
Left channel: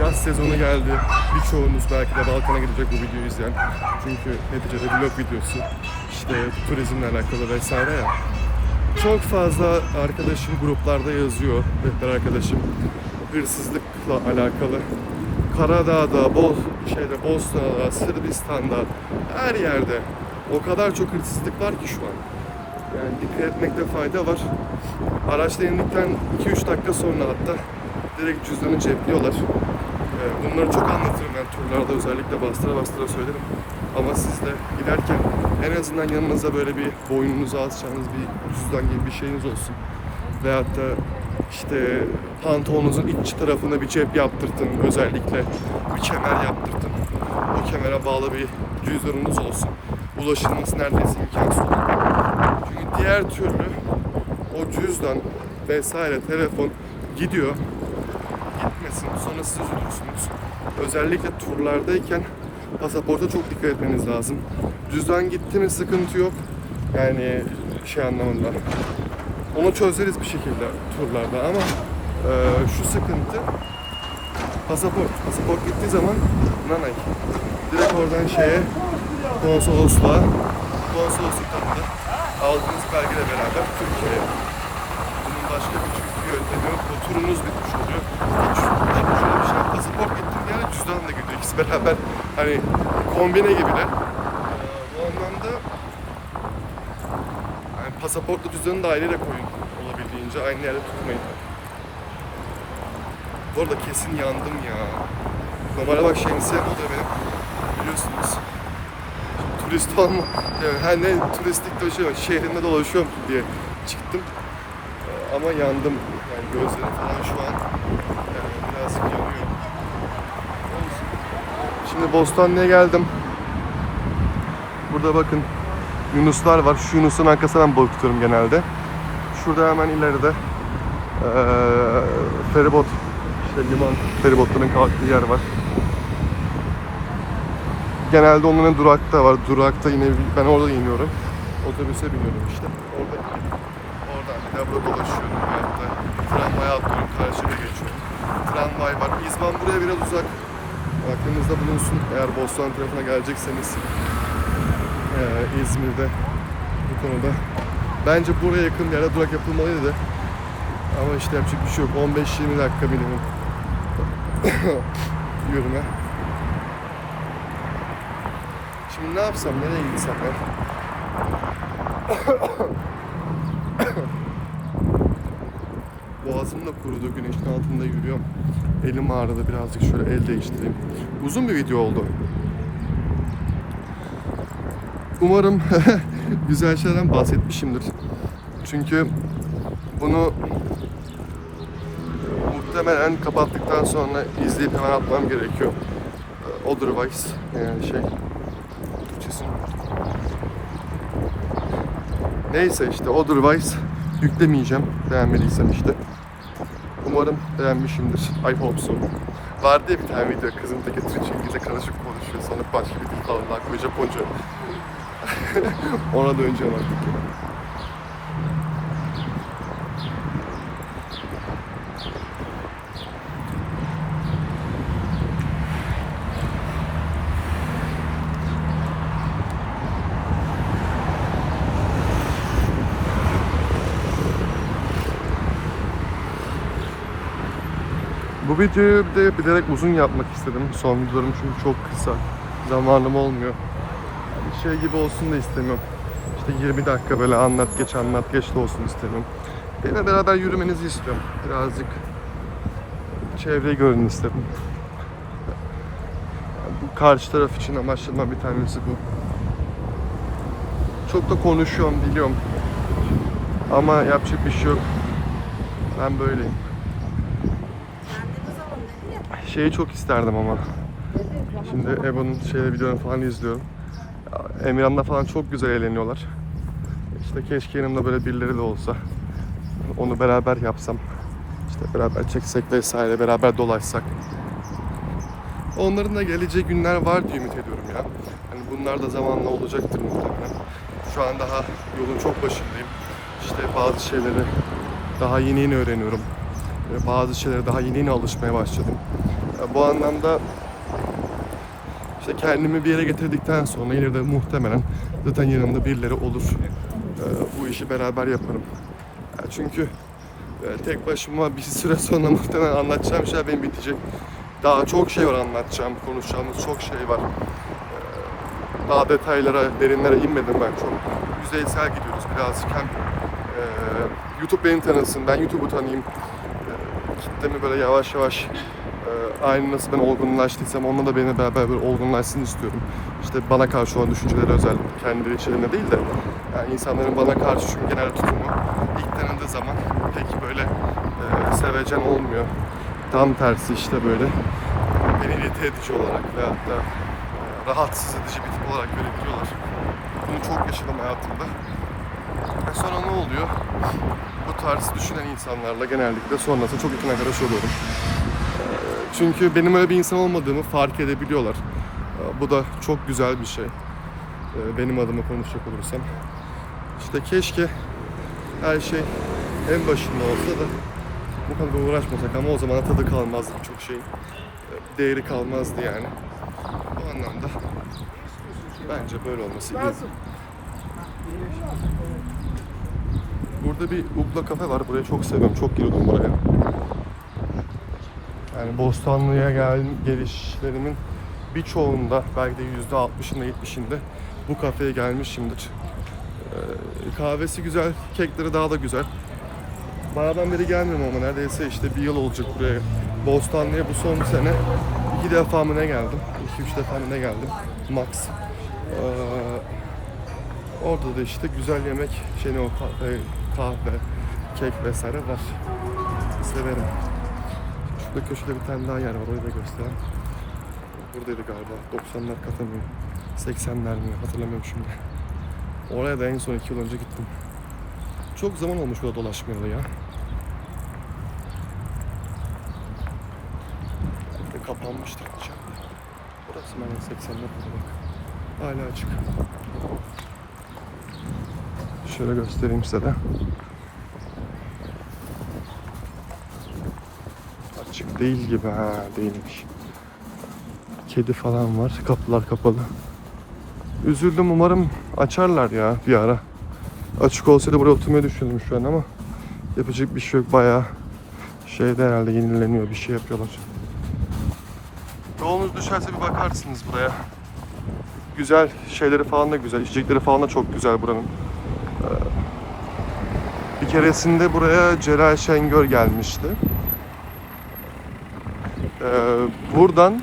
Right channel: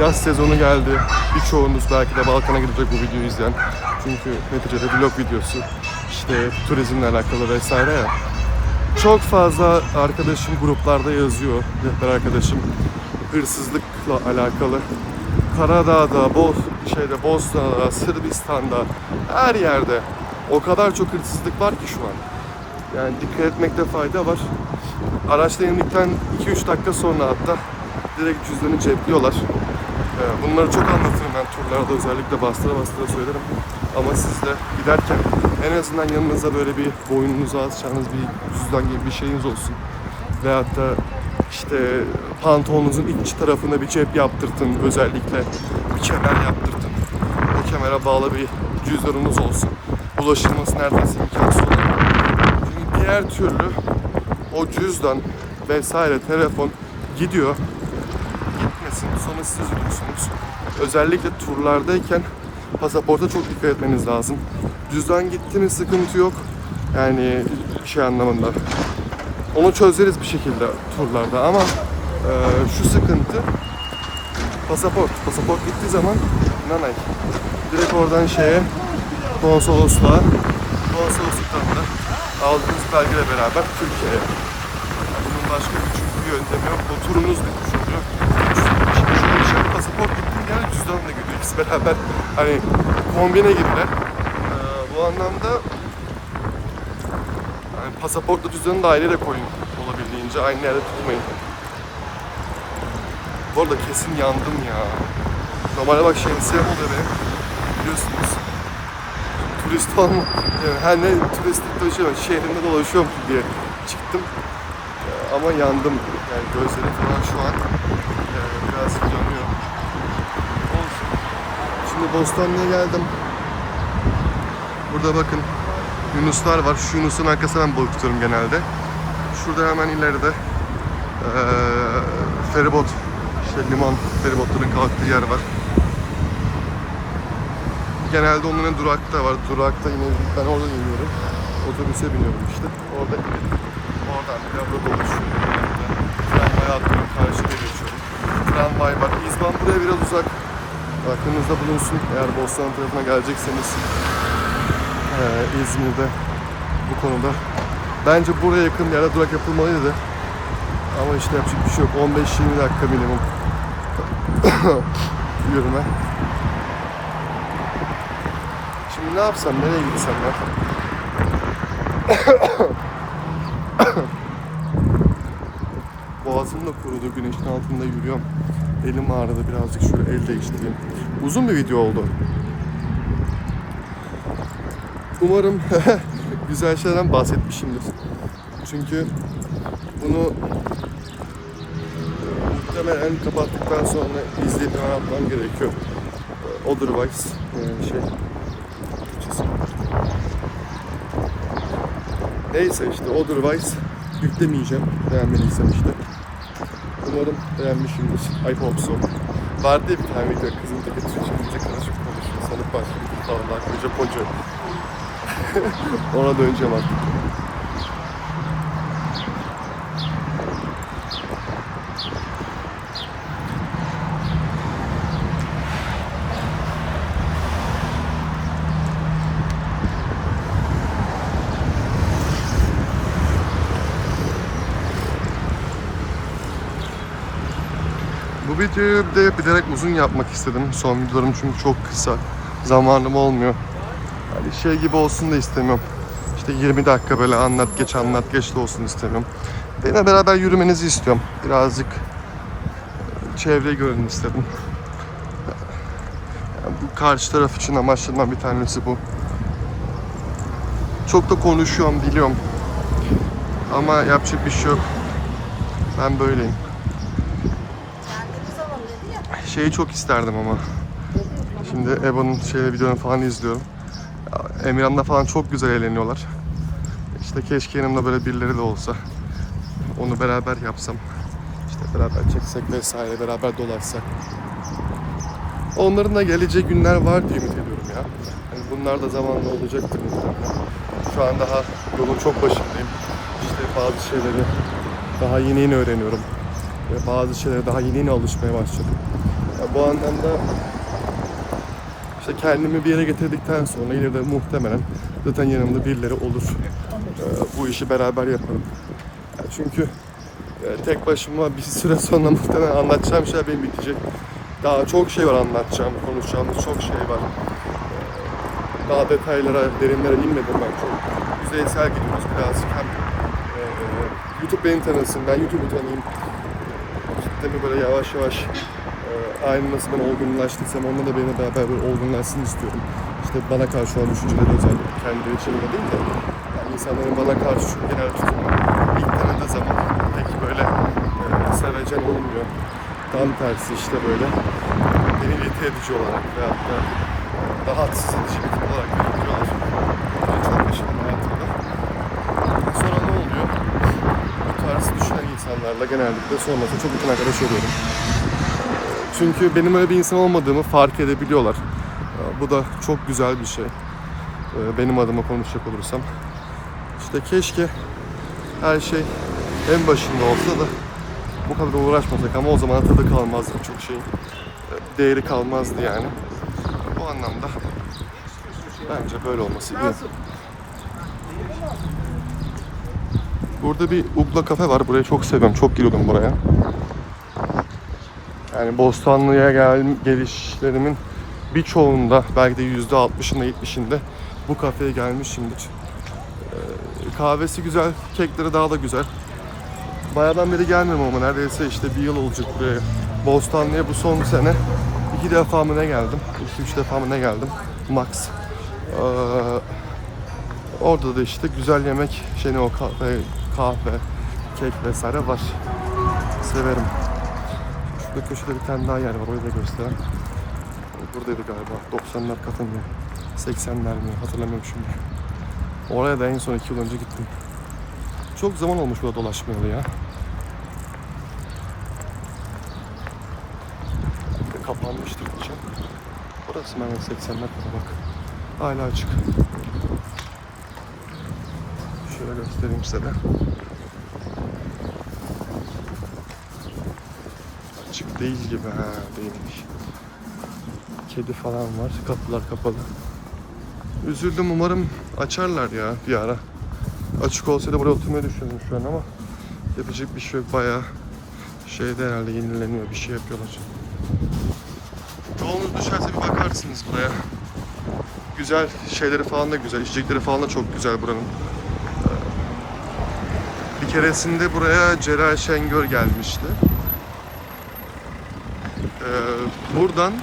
Yaz sezonu geldi. Birçoğunuz belki de Balkan'a gidecek bu videoyu izleyen. Çünkü neticede vlog videosu. İşte turizmle alakalı vesaire ya. Çok fazla arkadaşım gruplarda yazıyor. Rehber arkadaşım hırsızlıkla alakalı. Karadağ'da, Bosna'da, Sırbistan'da her yerde o kadar çok hırsızlık var ki şu an. Yani dikkat etmekte fayda var. Araçla indikten 2-3 dakika sonra hatta direkt cüzdanı cepliyorlar. Bunları çok anlatırım ben turlarda, özellikle bastıra söylerim. Ama siz de giderken en azından yanınıza böyle bir boynunuza asacağınız bir cüzdan gibi bir şeyiniz olsun. Veyahut da işte pantolonunuzun iç tarafına bir cep yaptırtın, özellikle bir kemer yaptırtın. O kemere bağlı bir cüzdanınız olsun. Ulaşılması neredeyse imkansız olur. Çünkü diğer türlü o cüzdan vesaire telefon gidiyor. Gitmesin, sonra siz üzülürsünüz. Özellikle turlardayken pasaporta çok dikkat etmeniz lazım. Cüzdan gitti mi sıkıntı yok. Yani şey anlamında. Onu çözeriz bir şekilde turlarda ama şu sıkıntı pasaport. Pasaport gittiği zaman nanay. Direkt oradan konsolosluktan da aldığınız belgeyle beraber Türkiye'ye. Bunun başka bir çünkü yöntemi yok. O turunuz bitmiş oluyor. Şimdi şöyle bir şey, pasaport gittiği yani cüzdan da gidiyor. İkisi beraber hani kombine gibiler. Bu anlamda yani pasaportla cüzdanı da ayrı da koyun olabildiğince. Aynı yerde tutmayın. Bu arada kesin yandım ya. Normalde bak şemsiyem oluyor benim. Biliyorsunuz. Turist olma. Yani her ne turistik dolaşıyorum, şehrimde dolaşıyorum diye çıktım. Ama yandım. Yani gözlerim falan şu an biraz yanıyor. Olsun. Şimdi Bostanlı'ya geldim. Burada bakın yunuslar var. Şu yunusun arkasından balık tutuyorum genelde. Şurada hemen ileride feribot, liman feribotların kalktığı yer var. Genelde onların durakta var. Durakta ben orada iniyorum. Otobüse biniyorum işte. Orada inip oradan bir daha burada dolaşıyorum. Yani tramvaya atlıyorum. Karşıya geçiyorum. Tramvay var. İzban buraya biraz uzak. Aklınızda bulunsun. Eğer Bostan tarafına gelecekseniz İzmir'de bu konuda bence buraya yakın bir yerde durak yapılmalıydı. Ama işte yapacak bir şey yok. 15-20 dakika minimum yürüme. Şimdi ne yapsam, nereye gitsem ya? Boğazım da kurudu, güneşin altında yürüyorum. Elim ağrıdı, birazcık şöyle el değiştireyim. Uzun bir video oldu. Umarım güzel şeylerden bahsetmişimdir. Çünkü bunu muhtemelen kapattıktan sonra izleyip hemen atmam gerekiyor. Otherwise Türkçesi. Neyse işte otherwise yüklemeyeceğim beğenmediysem işte. Umarım beğenmişimdir. I hope so. Vardı ya bir tane video, kızın teki Türkçe İngilizce karışık konuşuyor. Sonra başka bir dil falan daha koyuyor, Japonca. Ona döneceğim artık. Bu videoyu de bilerek uzun yapmak istedim. Son videolarım çünkü çok kısa. Zamanım olmuyor. Yani şey gibi olsun da istemiyorum. İşte 20 dakika böyle anlat geç de olsun istemiyorum. Benimle beraber yürümenizi istiyorum. Birazcık çevreyi görün istedim. Yani bu karşı taraf için amaçlarımdan bir tanesi bu. Çok da konuşuyorum, biliyorum. Ama yapacak bir şey yok. Ben böyleyim. Şeyi çok isterdim ama. Şimdi Eba'nın videolarını falan izliyorum. Emirhan'la falan çok güzel eğleniyorlar. İşte keşke yanımda böyle birileri de olsa. Onu beraber yapsam. İşte beraber çeksek vesaire, beraber dolaşsak. Onların da geleceği günler var diye ümit ediyorum ya. Hani bunlar da zamanla olacaktır muhtemelen. Şu an daha yolun çok başındayım. İşte bazı şeyleri daha yeni öğreniyorum. Ve bazı şeylere daha yeni alışmaya başladım. Bu anlamda işte kendimi bir yere getirdikten sonra ileride muhtemelen zaten yanımda birileri olur. Bu işi beraber yaparım. Çünkü tek başıma bir süre sonra muhtemelen anlatacağım şeyler benim bitecek. Daha çok şey var anlatacağım, konuşacağımız çok şey var. Daha detaylara, derinlere inmedim ben. Çok yüzeysel gidiyoruz birazcık. Hem YouTube beni tanısın, ben YouTube'u tanıyayım. Kitlemi böyle yavaş yavaş aynı nasıl ben olgunlaştıysam onunla da benimle beraber böyle olgunlaşsın istiyorum. İşte bana karşı olan düşünceleri özellikle kendileri içerisinde değil de yani insanların bana karşı genel tutumu ilk tanıdığı zaman pek böyle sevecen olmuyor. Tam tersi işte böyle beni irite edici olarak veyahut da rahatsız edici bir tip olarak görebiliyorlar. Bunu çok yaşadım hayatımda. Sonra ne oluyor? Bu tarz düşünen insanlarla genellikle sonrasında çok yakın arkadaş oluyorum. Çünkü benim öyle bir insan olmadığımı fark edebiliyorlar. Bu da çok güzel bir şey. Benim adıma konuşacak olursam. İşte keşke her şey en başında olsa da bu kadar uğraşmasak, ama o zaman tadı kalmazdı çok şeyin. Değeri kalmazdı yani. Bu anlamda bence böyle olması iyi. Burada bir Ugla kafe var. Burayı çok seviyorum. Çok giriyordum buraya. Yani Bostanlı'ya gelişlerimin birçoğunda, belki de %60'ında 70'inde bu kafeye gelmişimdir. Kahvesi güzel, kekleri daha da güzel. Bayağıdan beri gelmiyorum ama neredeyse işte bir yıl olacak buraya. Bostanlı'ya bu son sene 2 defa mı ne geldim? 3 defa mı ne geldim? Max. Orada da işte güzel yemek, o kahve, kek vesaire var. Severim. Şurada köşede bir tane daha yer var, orayı da göstereyim. Buradaydı galiba. 90'lar kafe mi? 80'ler mi? Hatırlamıyorum şimdi. Oraya da en son 2 yıl önce gittim. Çok zaman olmuş burada dolaşmayalı ya. Belki de kapanmıştır diyeceğim. Burası ben 80'ler kafe bak. Hala açık. Şöyle göstereyim size de. Açık değil gibi, değilmiş. Kedi falan var, kapılar kapalı. Üzüldüm, umarım açarlar ya bir ara. Açık olsaydı buraya oturmayı düşündüm şu an ama yapacak bir şey yok, bayağı şeyde herhalde yenileniyor, bir şey yapıyorlar. Yolunuz düşerse bir bakarsınız buraya. Güzel şeyleri falan da güzel, içecekleri falan da çok güzel buranın. Bir keresinde buraya Celal Şengör gelmişti. Buradan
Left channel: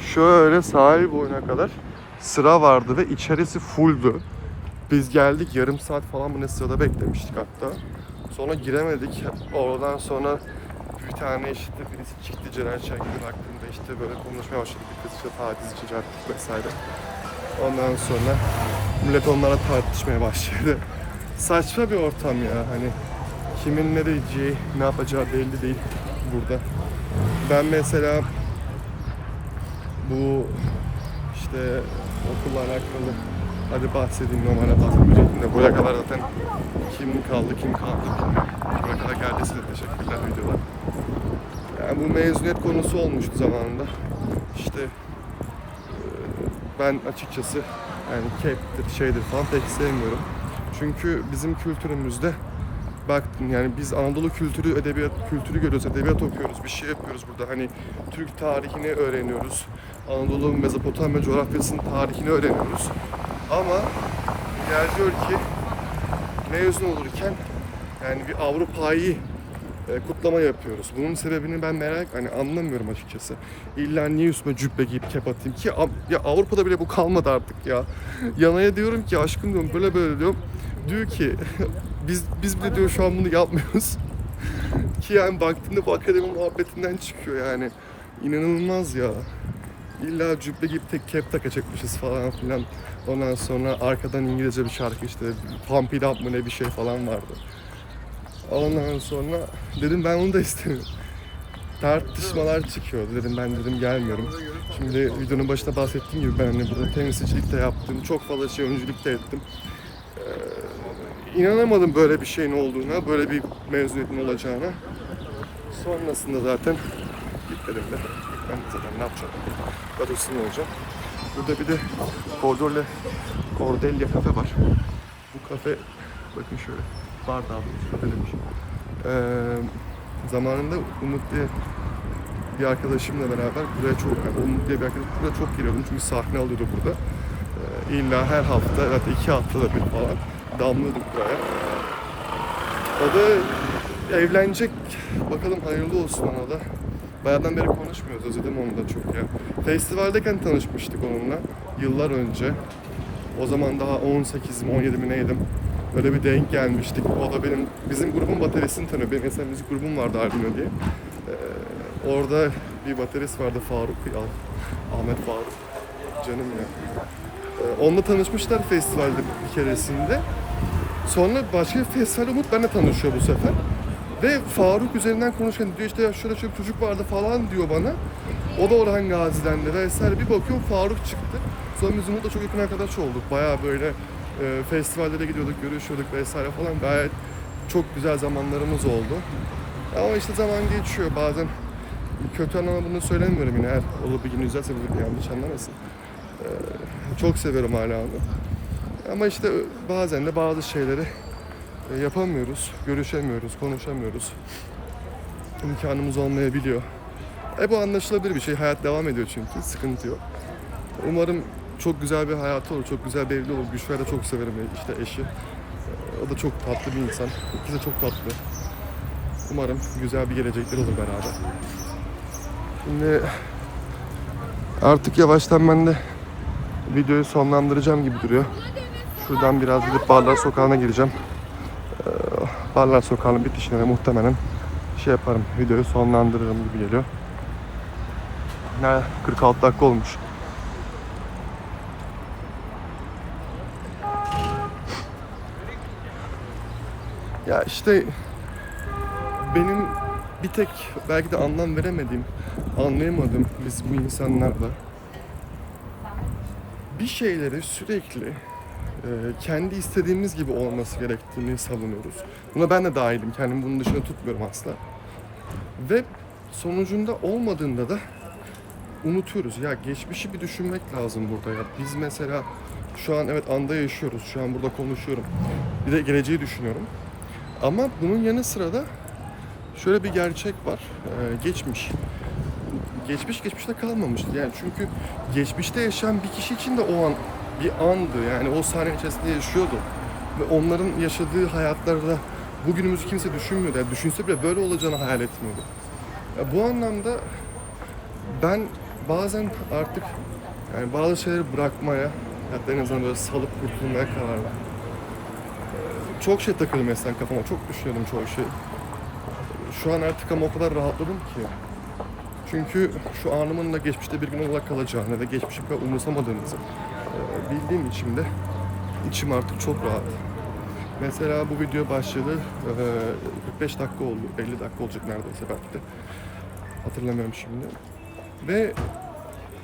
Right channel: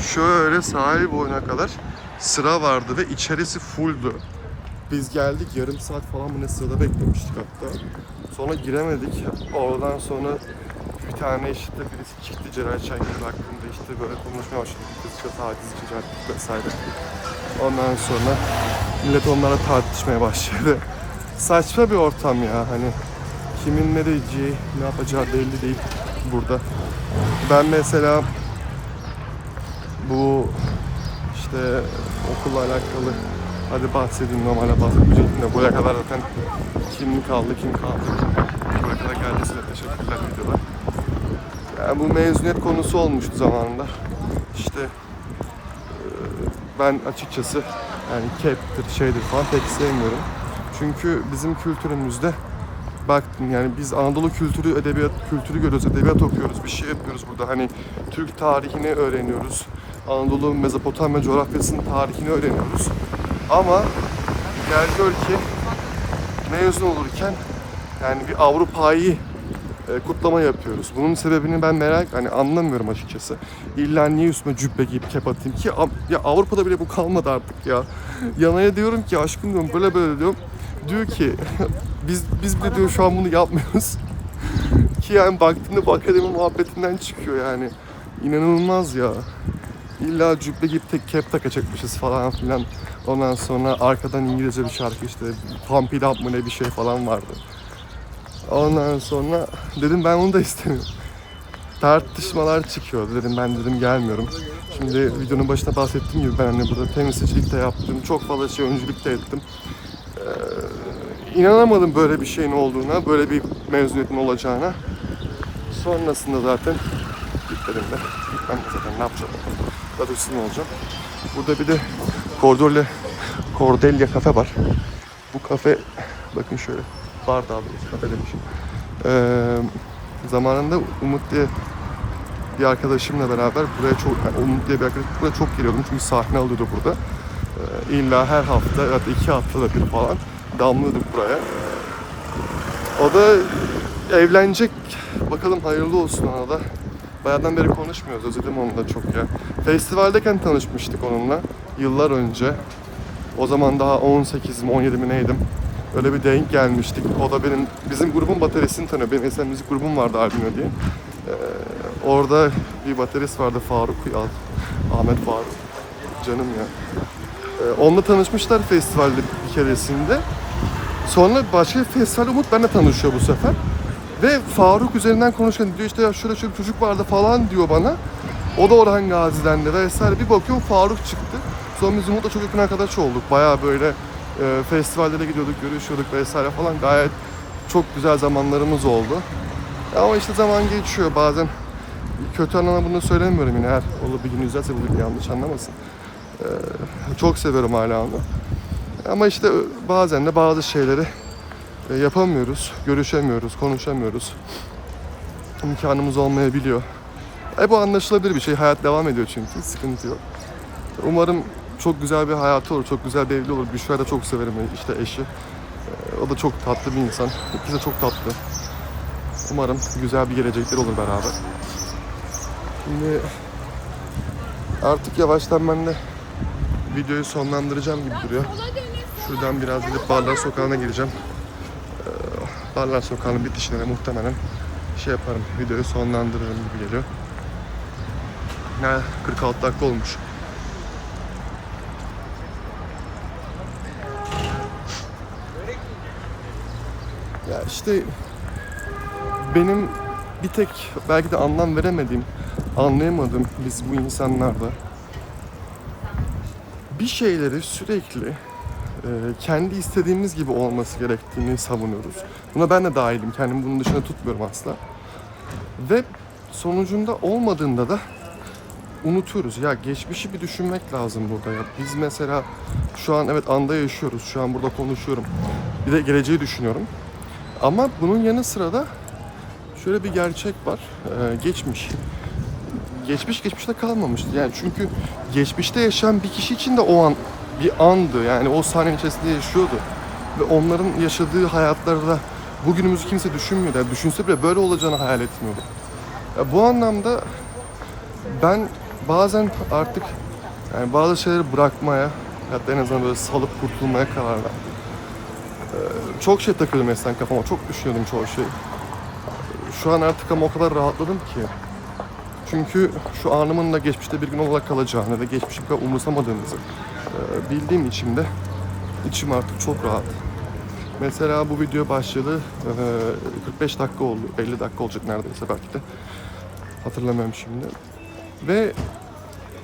şöyle sahil boyuna kadar sıra vardı ve içerisi fulldü. Biz geldik, yarım saat falan mı ne sırada beklemiştik hatta. Sonra giremedik. Oradan sonra bir tane işte birisi çıktı, Celal Şengör hakkında işte böyle konuşmaya başladı. Bir kız işte tacizci vesaire. Ondan sonra millet onlara tartışmaya başladı. Saçma bir ortam ya, hani kimin ne diyeceği, ne yapacağı belli değil burada. Ben mesela bu işte okulla alakalı, hadi bahsedeyim, normalde bahsetmeyecektim de buraya kadar zaten kim kaldı bilmiyorum. Buraya kadar geldiyseniz teşekkürler videoda. Yani bu mezuniyet konusu olmuştu zamanında. İşte ben açıkçası yani cap'tir şeydir falan pek sevmiyorum. Çünkü bizim kültürümüzde baktım yani biz Anadolu kültürü, edebiyat kültürü görüyoruz, edebiyat okuyoruz, bir şey yapıyoruz burada. Hani Türk tarihini öğreniyoruz. Anadolu, Mezopotamya coğrafyasının tarihini öğreniyoruz. Ama gel gör ki mezun olurken yani bir Avrupa'yı kutlama yapıyoruz. Bunun sebebini ben anlamıyorum açıkçası. İlla niye üstüme cübbe giyip kep atayım ki? Ya Avrupa'da bile bu kalmadı artık ya. Yanaya diyorum ki aşkım diyorum, böyle diyorum. Diyor ki biz bile diyor şu an bunu yapmıyoruz. Ki yani baktığımda bu akademi muhabbetinden çıkıyor yani. İnanılmaz ya. İlla cübbe giyip kep takacakmışız falan filan. Ondan sonra arkadan İngilizce bir şarkı işte Pump It Up mı ne bir şey falan vardı. Ondan sonra dedim ben onu da istemiyorum. Tartışmalar çıkıyor. Ben gelmiyorum. Şimdi videonun başında bahsettiğim gibi ben hani burada temsilcilik de yaptım. Çok fazla şey öncülük de ettim. İnanamadım böyle bir şeyin olduğuna, böyle bir mezuniyetin olacağına. Sonrasında zaten gitmedim de. Gitmem de zaten, ne yapacağım? Radyosun olacağım. Burada bir de Cordelia kafe var. Bu kafe, bakın şöyle, bar daha doğrusu, kafe demişim. Zamanında Umut diye bir arkadaşımla beraber buraya Umut diye bir arkadaşım buraya çok geliyordum çünkü sahne alıyordu burada. İlla her hafta, hatta 2 haftada bir falan damlıyorduk buraya. O da evlenecek, bakalım hayırlı olsun ona da. Bayağıdan beri konuşmuyoruz, özledim onunla çok ya. Festivaldeyken tanışmıştık onunla, yıllar önce. O zaman daha 18 mi 17 mi neydim. Öyle bir denk gelmiştik. O da bizim grubun bataryasını tanıyor. Benim esen müzik grubum vardı Albino diye. Orada bir baterist vardı, Faruk ya. Ahmet Faruk. Canım ya. Onunla tanışmışlar festivalde bir keresinde. Sonra başka bir festivalde Umut benimle tanışıyor bu sefer. Ve Faruk üzerinden konuşan diyor işte ya şöyle bir çocuk vardı falan diyor bana. O da Orhan Gazi'den de vesaire. Bir bakıyorum Faruk çıktı. Sonra biz Umut'la çok yakın arkadaş olduk. Bayağı böyle festivallere gidiyorduk, görüşüyorduk vesaire falan. Gayet çok güzel zamanlarımız oldu. Ama işte zaman geçiyor bazen. Kötü anlamda bunu söylemiyorum yine, eğer olur bir gün izlerse bunu yanlış anlamasın. Çok severim hala onu. Ama işte bazen de bazı şeyleri yapamıyoruz, görüşemiyoruz, konuşamıyoruz. İmkanımız olmayabiliyor. Bu anlaşılabilir bir şey. Hayat devam ediyor çünkü. Sıkıntı yok. Umarım çok güzel bir hayatı olur, çok güzel bir evli olur. Büşra'yı da çok severim, işte eşi. O da çok tatlı bir insan. İkisi de çok tatlı. Umarım güzel bir gelecekler olur beraber. Şimdi artık yavaştan ben de videoyu sonlandıracağım gibi duruyor. Şuradan biraz gidip Barlar Sokağı'na gireceğim. Barlar Sokağı'nın bitişine de muhtemelen şey yaparım, videoyu sonlandırırım gibi geliyor. Ne 46 dakika olmuş. Ya işte benim bir tek belki de anlam veremediğim, anlayamadığım biz bu insanlarda bir şeyleri sürekli kendi istediğimiz gibi olması gerektiğini savunuyoruz. Buna ben de dahilim. Kendimi bunun dışında tutmuyorum asla. Ve sonucunda olmadığında da unutuyoruz. Ya geçmişi bir düşünmek lazım burada ya. Biz mesela şu an evet anda yaşıyoruz. Şu an burada konuşuyorum. Bir de geleceği düşünüyorum. Ama bunun yanı sıra da şöyle bir gerçek var. Geçmiş. Geçmiş geçmişte kalmamış. Yani çünkü geçmişte yaşayan bir kişi için de o an bir andı. Yani o sahnenin içerisinde yaşıyordu. Ve onların yaşadığı hayatlarda bugünümüzü kimse düşünmüyordu. Yani düşünse bile böyle olacağını hayal etmiyordu. Ya bu anlamda ben bazen artık yani bazı şeyleri bırakmaya, hatta en azından böyle salıp kurtulmaya karar verdim. Çok şey takıyordum eskiden kafama, çok düşünüyordum çoğu şeyi. Şu an artık ama o kadar rahatladım ki. Çünkü şu anımın da geçmişte bir gün olarak kalacağını ve geçmişi kadar umursamadığımızı bildiğim için de içim artık çok rahat. Mesela bu video başladı, 45 dakika oldu, 50 dakika olacak neredeyse belki de. Hatırlamıyorum şimdi. Ve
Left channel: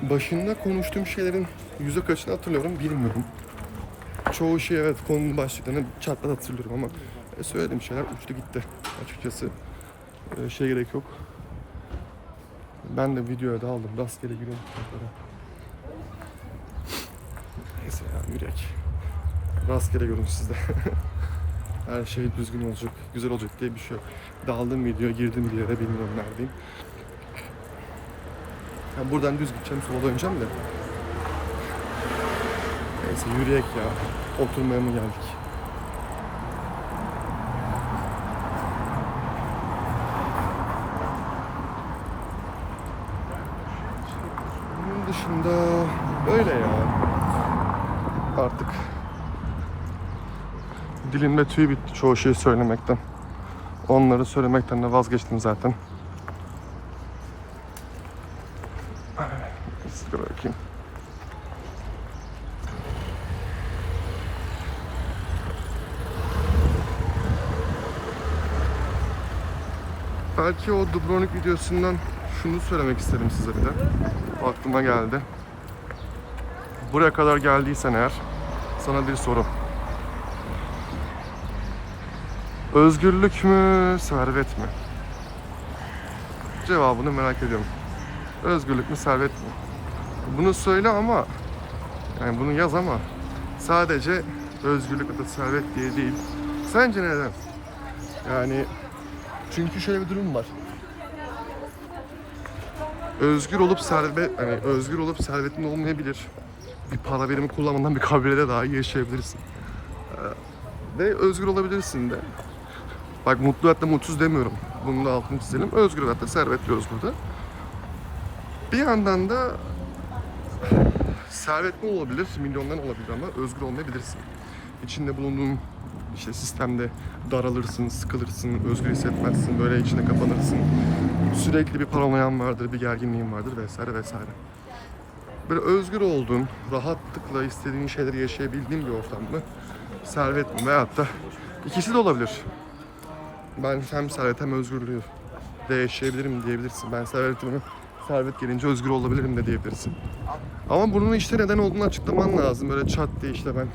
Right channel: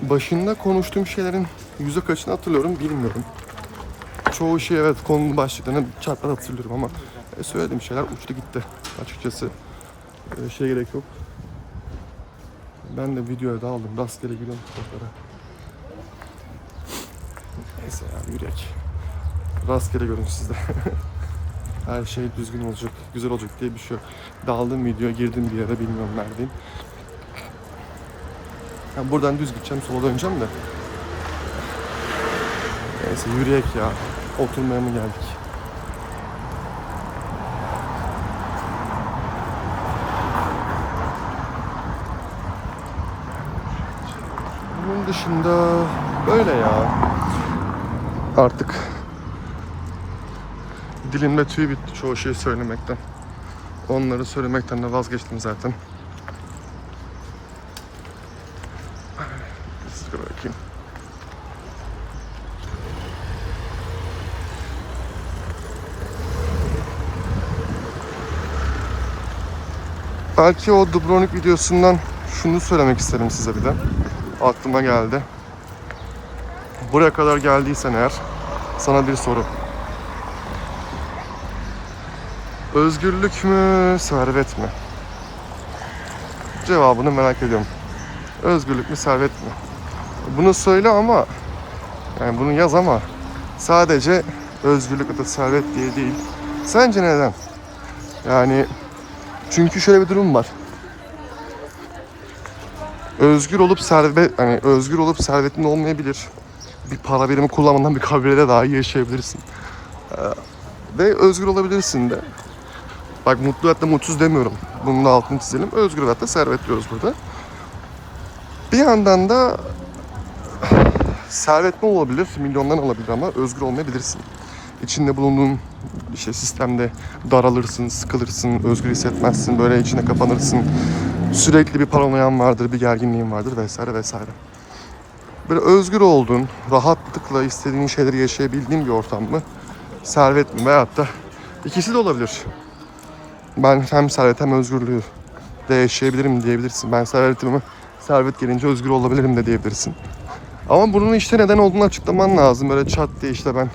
başında konuştuğum şeylerin yüzde kaçını hatırlıyorum bilmiyorum. Çoğu şey evet konunun başlıklarını çarpar hatırlıyorum ama söylediğim şeyler uçtu gitti açıkçası. Şey gerek yok. Ben de videoya da aldım. Rastgele giriyorum kitaplara. Neyse ya yürek. Rastgele görün sizde. Her şey düzgün olacak, güzel olacak diye bir şey yok. Daldım videoya, girdim bir yere, bilmiyorum neredeyim. Yani buradan düz gideceğim, sola döneceğim de. Neyse yürüyek ya. Oturmaya mı geldik? Bunun dışında böyle ya. Artık dilimde tüy bitti çoğu şeyi söylemekten. Onları söylemekten de vazgeçtim zaten. Size bakayım. Belki o Dubrovnik videosundan şunu söylemek isterim size bir de. Aklıma geldi. Buraya kadar geldiysen eğer sana bir soru. Özgürlük mü, servet mi? Cevabını merak ediyorum. Özgürlük mü, servet mi? Bunu söyle ama yani bunu yaz ama sadece özgürlük ya da servet diye değil. Sence neden? Yani çünkü şöyle bir durum var. Özgür olup servetin olmayabilir. Bir para birimi kullanmadan bir kabilede daha iyi yaşayabilirsin. Ve özgür olabilirsin de. Bak mutlu hayatta mutsuz demiyorum. Bunun da altını çizelim. Özgür hayatta servet diyoruz burada. Bir yandan da servetli olabilir, milyondan olabilir ama özgür olmayabilirsin. İçinde bulunduğun işte sistemde daralırsın, sıkılırsın, özgür hissetmezsin, böyle içine kapanırsın. Sürekli bir paranoyan vardır, bir gerginliğin vardır vesaire vesaire. Böyle özgür olduğun, rahatlıkla istediğin şeyleri yaşayabildiğin bir ortam mı? Servet mi? Veyahut da ikisi de olabilir. Ben hem servet hem özgürlüğü de yaşayabilirim diyebilirsin. Ben servet gelince özgür olabilirim de diyebilirsin. Ama bunun işte neden olduğunu açıklaman lazım. Böyle çat diye işte ben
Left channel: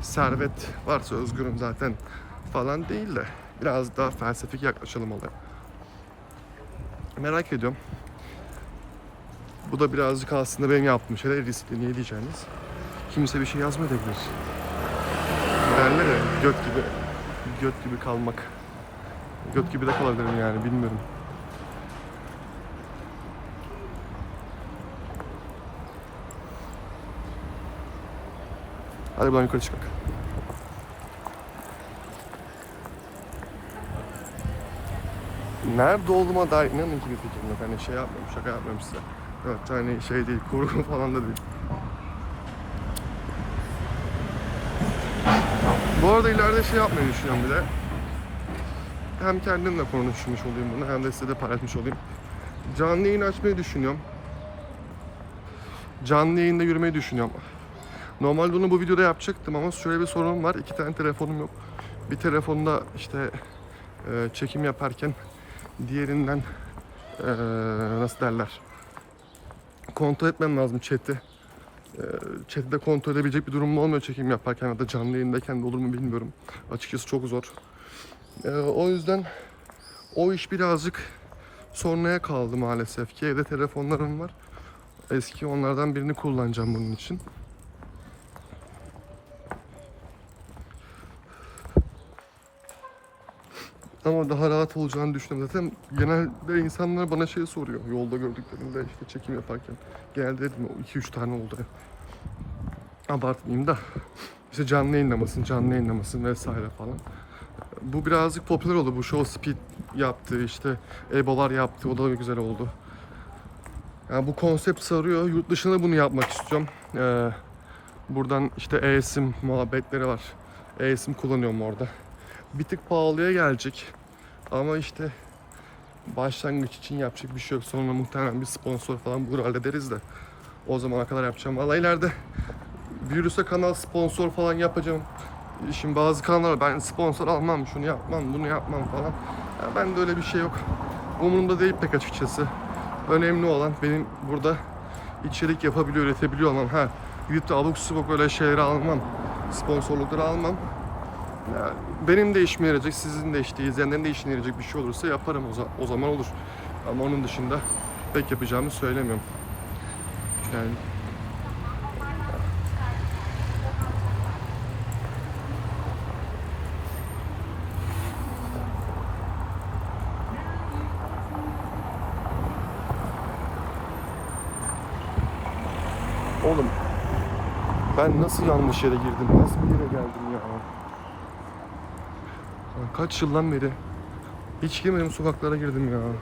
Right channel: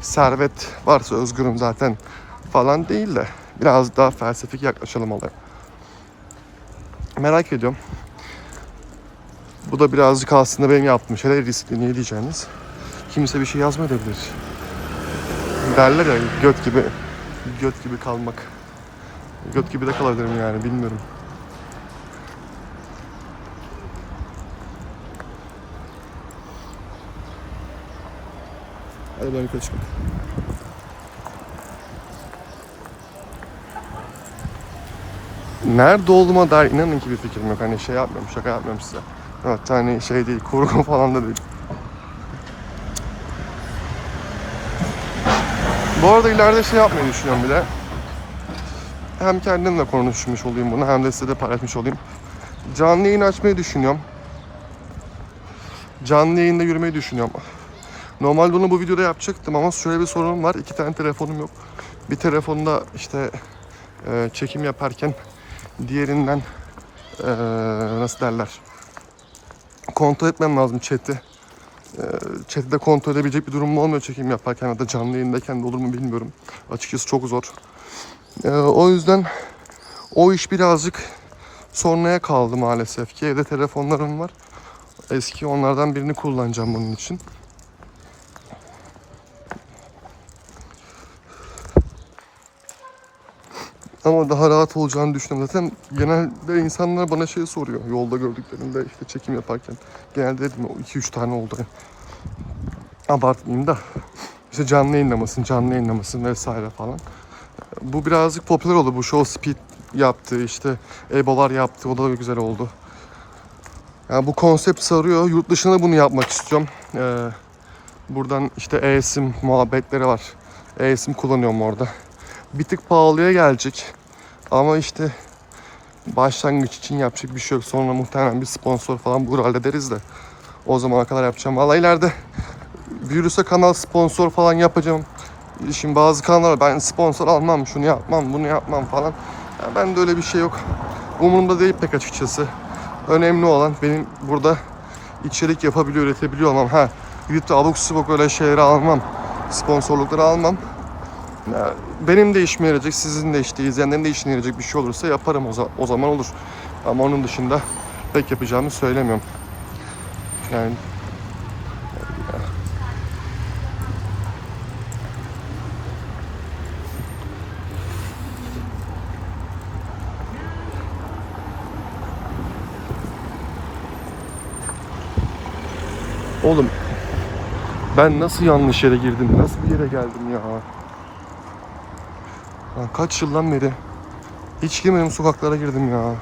servet varsa özgürüm zaten falan değil de biraz daha felsefik yaklaşalım olaya. Merak ediyorum. Bu da birazcık aslında benim yaptığım şeyler riskli. Niye diyeceğiniz? Kimse bir şey yazmayabilir. Derler ya göt gibi kalmak. Göt gibi de kalabilirim yani bilmiyorum. Hadi buradan yukarı çıkmak. Nerede olduğuma dair inanın ki bir fikrim yok. Hani şey yapmıyorum, şaka yapmıyorum size. Evet, hani şey değil, kurgu falan da değil. Bu arada ileride şey yapmayı düşünüyorum bir de. Hem kendimle konuşmuş olayım bunu hem de size de paylaşmış olayım. Canlı yayın açmayı düşünüyorum. Canlı yayında yürümeyi düşünüyorum. Normalde onu bu videoda yapacaktım ama şöyle bir sorunum var. 2 tane telefonum yok. Bir telefonda işte çekim yaparken diğerinden nasıl derler? Kontrol etmem lazım chat'i. Chat'i de kontrol edebilecek bir durum olmuyor çekim yaparken ya da canlı yayındayken de olur mu bilmiyorum. Açıkçası çok zor. O yüzden o iş birazcık sonraya kaldı maalesef ki. Evde telefonlarım var. Eski onlardan birini kullanacağım bunun için. Ama daha rahat olacağını düşünüyorum. Zaten genelde insanlar bana şey soruyor. Yolda gördüklerinde işte çekim yaparken. Genelde dedim 2-3 tane oldu. Abartmayayım da. İşte canlı yayınlamasın vesaire falan. Bu birazcık popüler oldu. Bu Show Speed yaptı, işte Ebolar yaptı. O da güzel oldu. Yani bu konsept sarıyor. Yurt dışında bunu yapmak istiyorum. Buradan işte eSIM muhabbetleri var. eSIM kullanıyorum orada. Bir tık pahalıya gelecek. Ama işte başlangıç için yapacak bir şey yok. Sonra muhtemelen bir sponsor falan bulur hallederiz de. O zamana kadar yapacağım. Vallahi ileride büyürse kanal sponsor falan yapacağım. Şimdi bazı kanallar ben sponsor almam, şunu yapmam, bunu yapmam falan. Yani ben de öyle bir şey yok. Umurumda değil pek açıkçası. Önemli olan benim burada içerik yapabiliyor, üretebiliyor olmam. Gidip de abuk subuk öyle şeyleri almam. Sponsorlukları almam. Yani benim de işime yarayacak, sizin de işte izleyenlerin de işine yarayacak bir şey olursa yaparım o zaman olur. Ama onun dışında pek yapacağımı söylemiyorum. Yani oğlum ben nasıl yanlış yere girdim, nasıl bir yere geldim ya? Lan kaç yıldan beri hiç girmedim sokaklara girdim ya.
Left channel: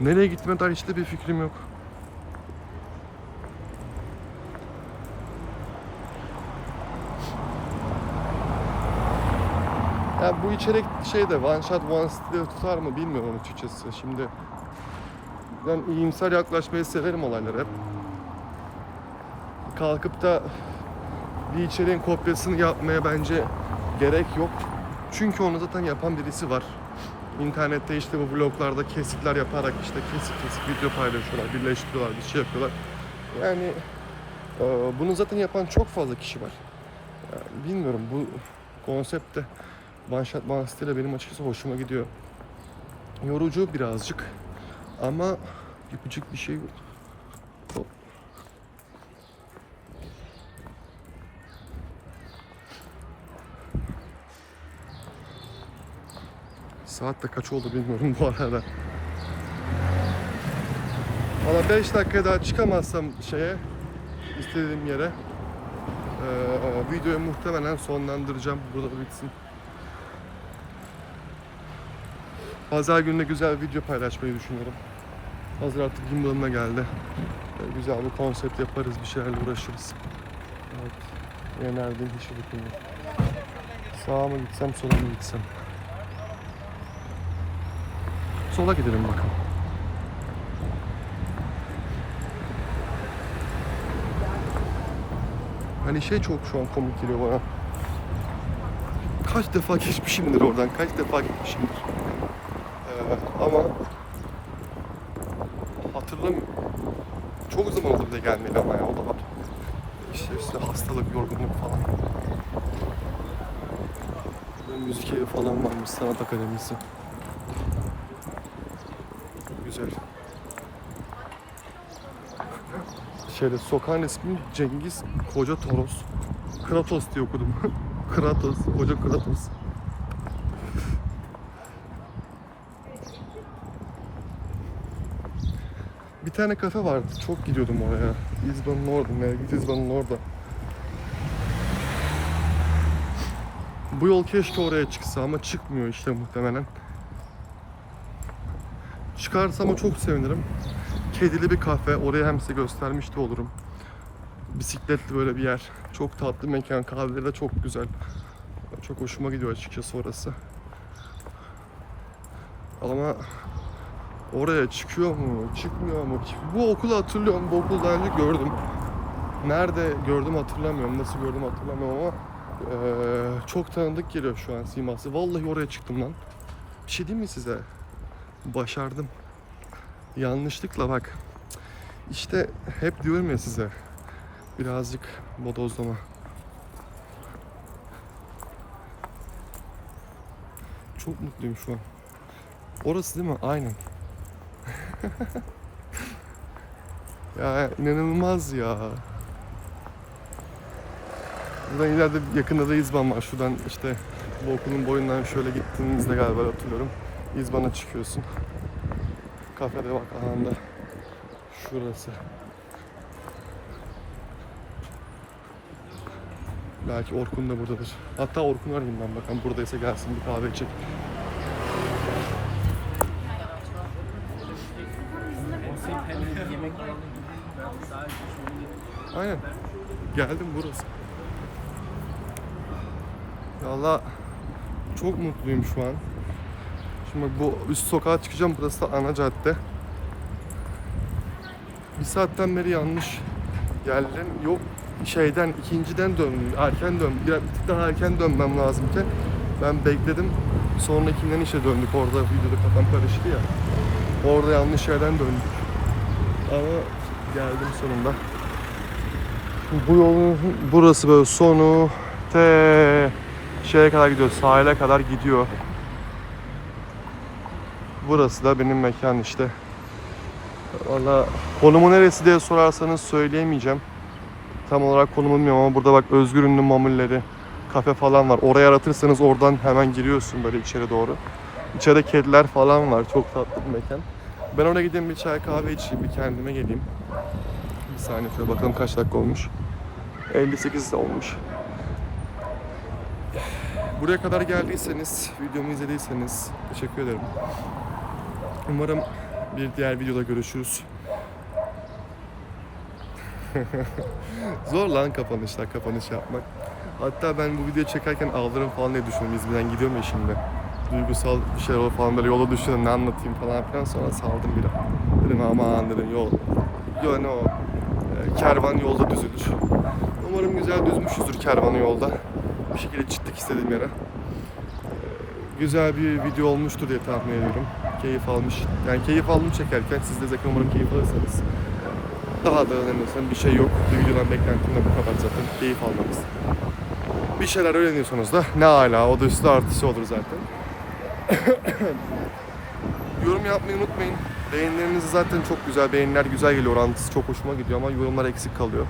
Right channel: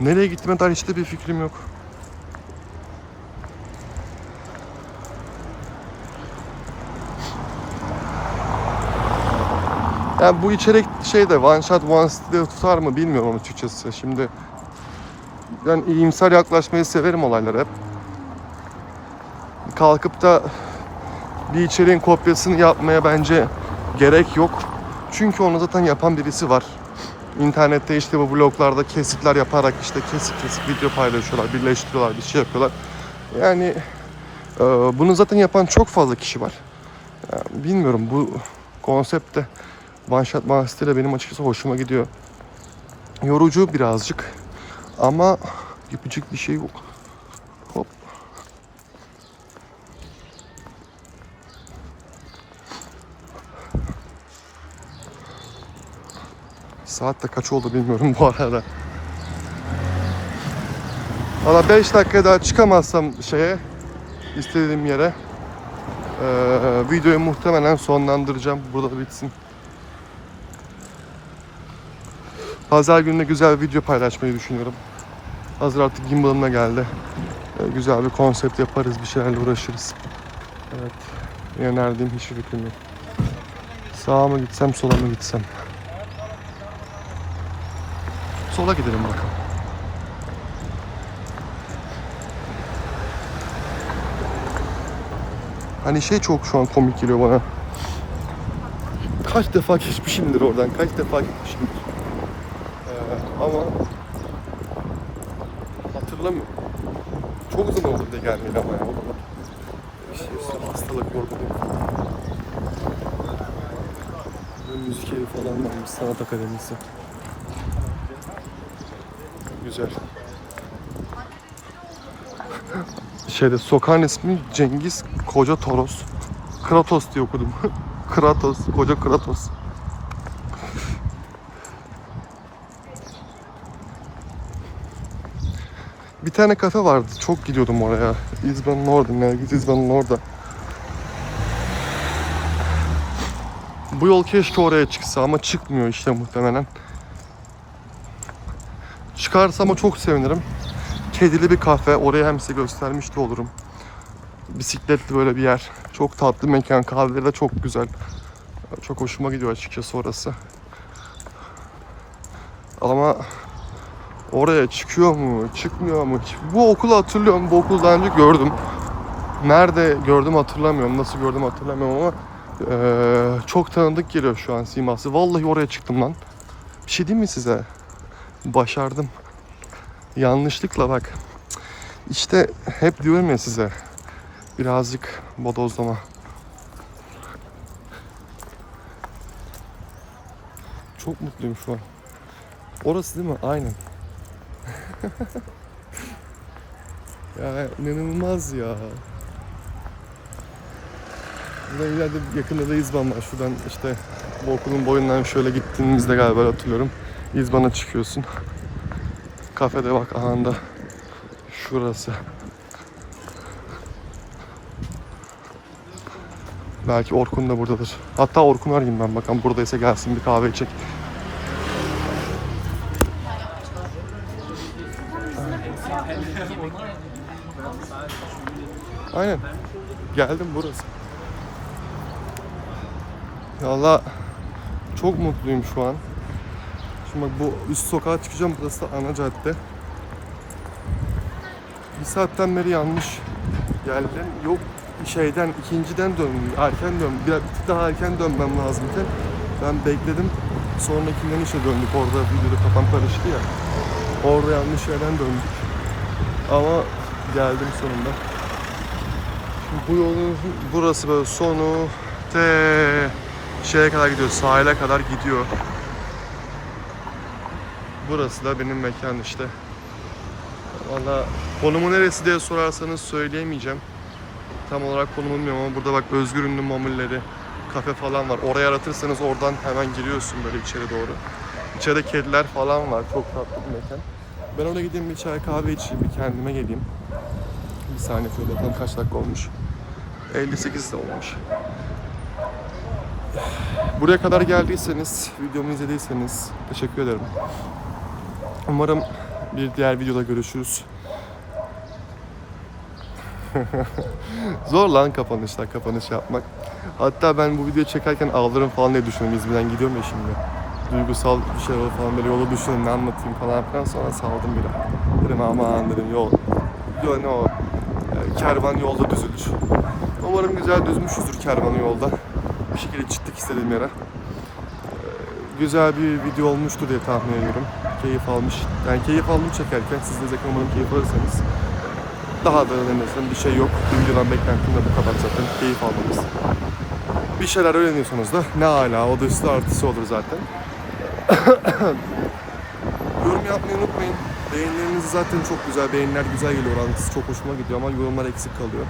Nereye gittiğime dair hiç de bir fikrim yok. Yani bu içerik şeyde one shot one style tutar mı bilmiyorum açıkçası. Şimdi ben iyimser yaklaşmayı severim olaylara hep. Kalkıp da bir içeriğin kopyasını yapmaya bence gerek yok. Çünkü onu zaten yapan birisi var. İnternette işte bu bloglarda kesitler yaparak işte kesik video paylaşıyorlar, birleştiriyorlar, bir şey yapıyorlar. Yani bunu zaten yapan çok fazla kişi var. Yani bilmiyorum bu konsepte one shot one style benim açıkçası hoşuma gidiyor. Yorucu birazcık ama yapacak bir şey yok. Hop. Saat de kaç oldu bilmiyorum bu arada. Valla 5 dakika daha çıkamazsam istediğim yere videoyu muhtemelen sonlandıracağım. Burada bitsin. Pazar gününe güzel bir video paylaşmayı düşünüyorum. Hazır artık gimbal'ına geldi. Güzel bir konsept yaparız, bir şeylerle uğraşırız. Evet. Yöneldiğim hiçbir fikrim yok. Sağa mı gitsem, sola mı gitsem? Sola gidelim bakalım. Hani çok şu an komik geliyor bana. Kaç defa geçmişimdir oradan, kaç defa gitmişimdir. Ama hatırlamıyorum. Çok zaman oldu diye gelmeyeli ama ya. O da işte üstüne hastalık, yorgunluk falan. Burada müzik evi falan varmış, sanat akademisi. Güzel. Sokağın ismi Cengiz Koca Toros. Kratos diye okudum. Kratos, Koca Kratos. Bir tane kafe vardı, çok gidiyordum oraya. İzban'ın orada, Nergis İzban'ın orada. Bu yol keşke oraya çıksa ama çıkmıyor işte muhtemelen. Çıkarsa ama çok sevinirim. Kedili bir kafe, oraya hem size göstermiş de olurum. Bisikletli böyle bir yer. Çok tatlı mekan, kahveleri de çok güzel. Çok hoşuma gidiyor açıkçası orası. Ama oraya çıkıyor mu, çıkmıyor mu? Bu okulu hatırlıyorum, bu okulu daha önce gördüm. Nerede gördüm hatırlamıyorum, nasıl gördüm hatırlamıyorum ama çok tanıdık geliyor şu an siması. Vallahi oraya çıktım lan. Bir şey diyeyim mi size? Başardım. Yanlışlıkla bak. İşte hep diyorum ya size. Birazcık bodozlama. Çok mutluyum şu an. Orası değil mi? Aynen. Ya inanılmaz ya. Burada ileride yakında da İzban var. Şuradan işte bu okulun boyundan şöyle gittiğimizde galiba hatırlıyorum. İzban'a çıkıyorsun. Kafede bak ahanda. Şurası. Belki Orkun da buradadır. Hatta Orkun arayayım ben, bakalım buradaysa gelsin bir kahve içecek. Aynen. Geldim burası. Valla çok mutluyum şu an. Şimdi bak bu üst sokağa çıkacağım. Burası da ana cadde. Bir saatten beri yanlış geldim. Yok şeyden, ikinciden döndüm. Erken döndüm. Bir tık daha erken dönmem lazımken ben bekledim. Sonrakinden işe döndük. Orada videoda kafam karıştı ya. Orada yanlış yerden döndük. Ama geldim sonunda. Şimdi bu yolun burası böyle sonu şeye kadar gidiyor. Sahile kadar gidiyor. Burası da benim mekan işte. Valla konumu neresi diye sorarsanız söyleyemeyeceğim. Tam olarak konumu bilmiyorum ama burada bak Özgür Ünlü mamulleri, kafe falan var. Orayı aratırsanız oradan hemen giriyorsun böyle içeri doğru. İçeride kediler falan var. Çok tatlı bir mekan. Ben oraya gideyim, bir çay kahve içeyim, bir kendime geleyim. Bir saniye şöyle bakalım kaç dakika olmuş. 58 de olmuş. Buraya kadar geldiyseniz, videomu izlediyseniz teşekkür ederim. Umarım bir diğer videoda görüşürüz. Zor lan kapanış yapmak. Hatta ben bu videoyu çekerken ağlarım falan diye düşünüyorum. İzmir'den gidiyorum ya şimdi. Duygusal bir şey olur falan, böyle yola düşünüyorum, ne anlatayım falan filan, sonra saldım bir an. Dedim aman dedim yol ne o kervan yolda düzülür. Umarım güzel düzmüşüzdür kervanı yolda. Bir şekilde çıktık istediğim yere. Güzel bir video olmuştur diye tahmin ediyorum. Keyif aldım çekerken. Siz de zaten umarım keyif alırsanız. Daha da önemlisinden bir şey yok. Bu videodan beklentim de bu kadar zaten. Keyif almanız. Bir şeyler öğreniyorsanız da ne âlâ. O da üstü artısı olur zaten. Yorum yapmayı unutmayın. Beğenileriniz zaten çok güzel. Beğeniler güzel geliyor. Orantısı çok hoşuma gidiyor ama yorumlar eksik kalıyor.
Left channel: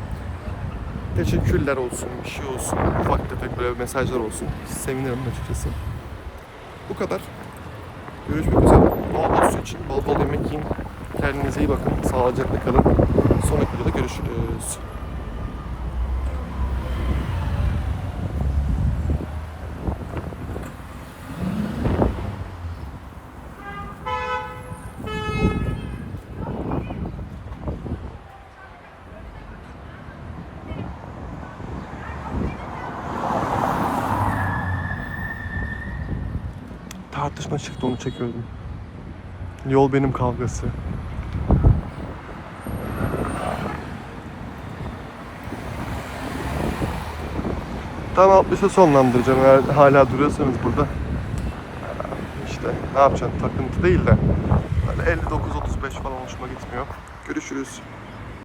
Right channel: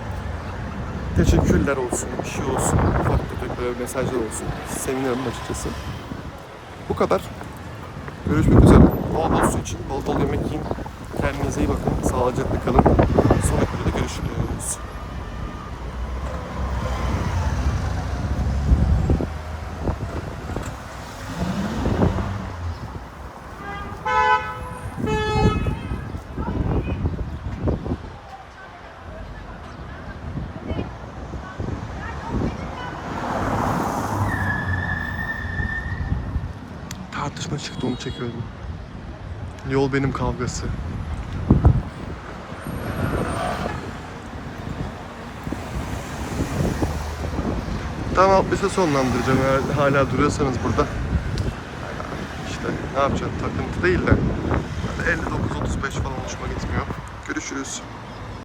Teşekkürler olsun, bir şey olsun, ufak tefek böyle mesajlar olsun. Sevinirim açıkçası. Bu kadar. Görüşmek üzere. Bol bol su için, bol bol yemek yiyin. Kendinize iyi bakın. Sağlıcakla kalın. Sonraki videoda görüşürüz. Tartışma çıktı, onu çekiyordum. Yol benim kavgası. Tamam, bir sonlandıracağım eğer hala duruyorsanız burada. İşte ne yapacaksın, takıntı değil de 59-35 falan hoşuma gitmiyor. Görüşürüz.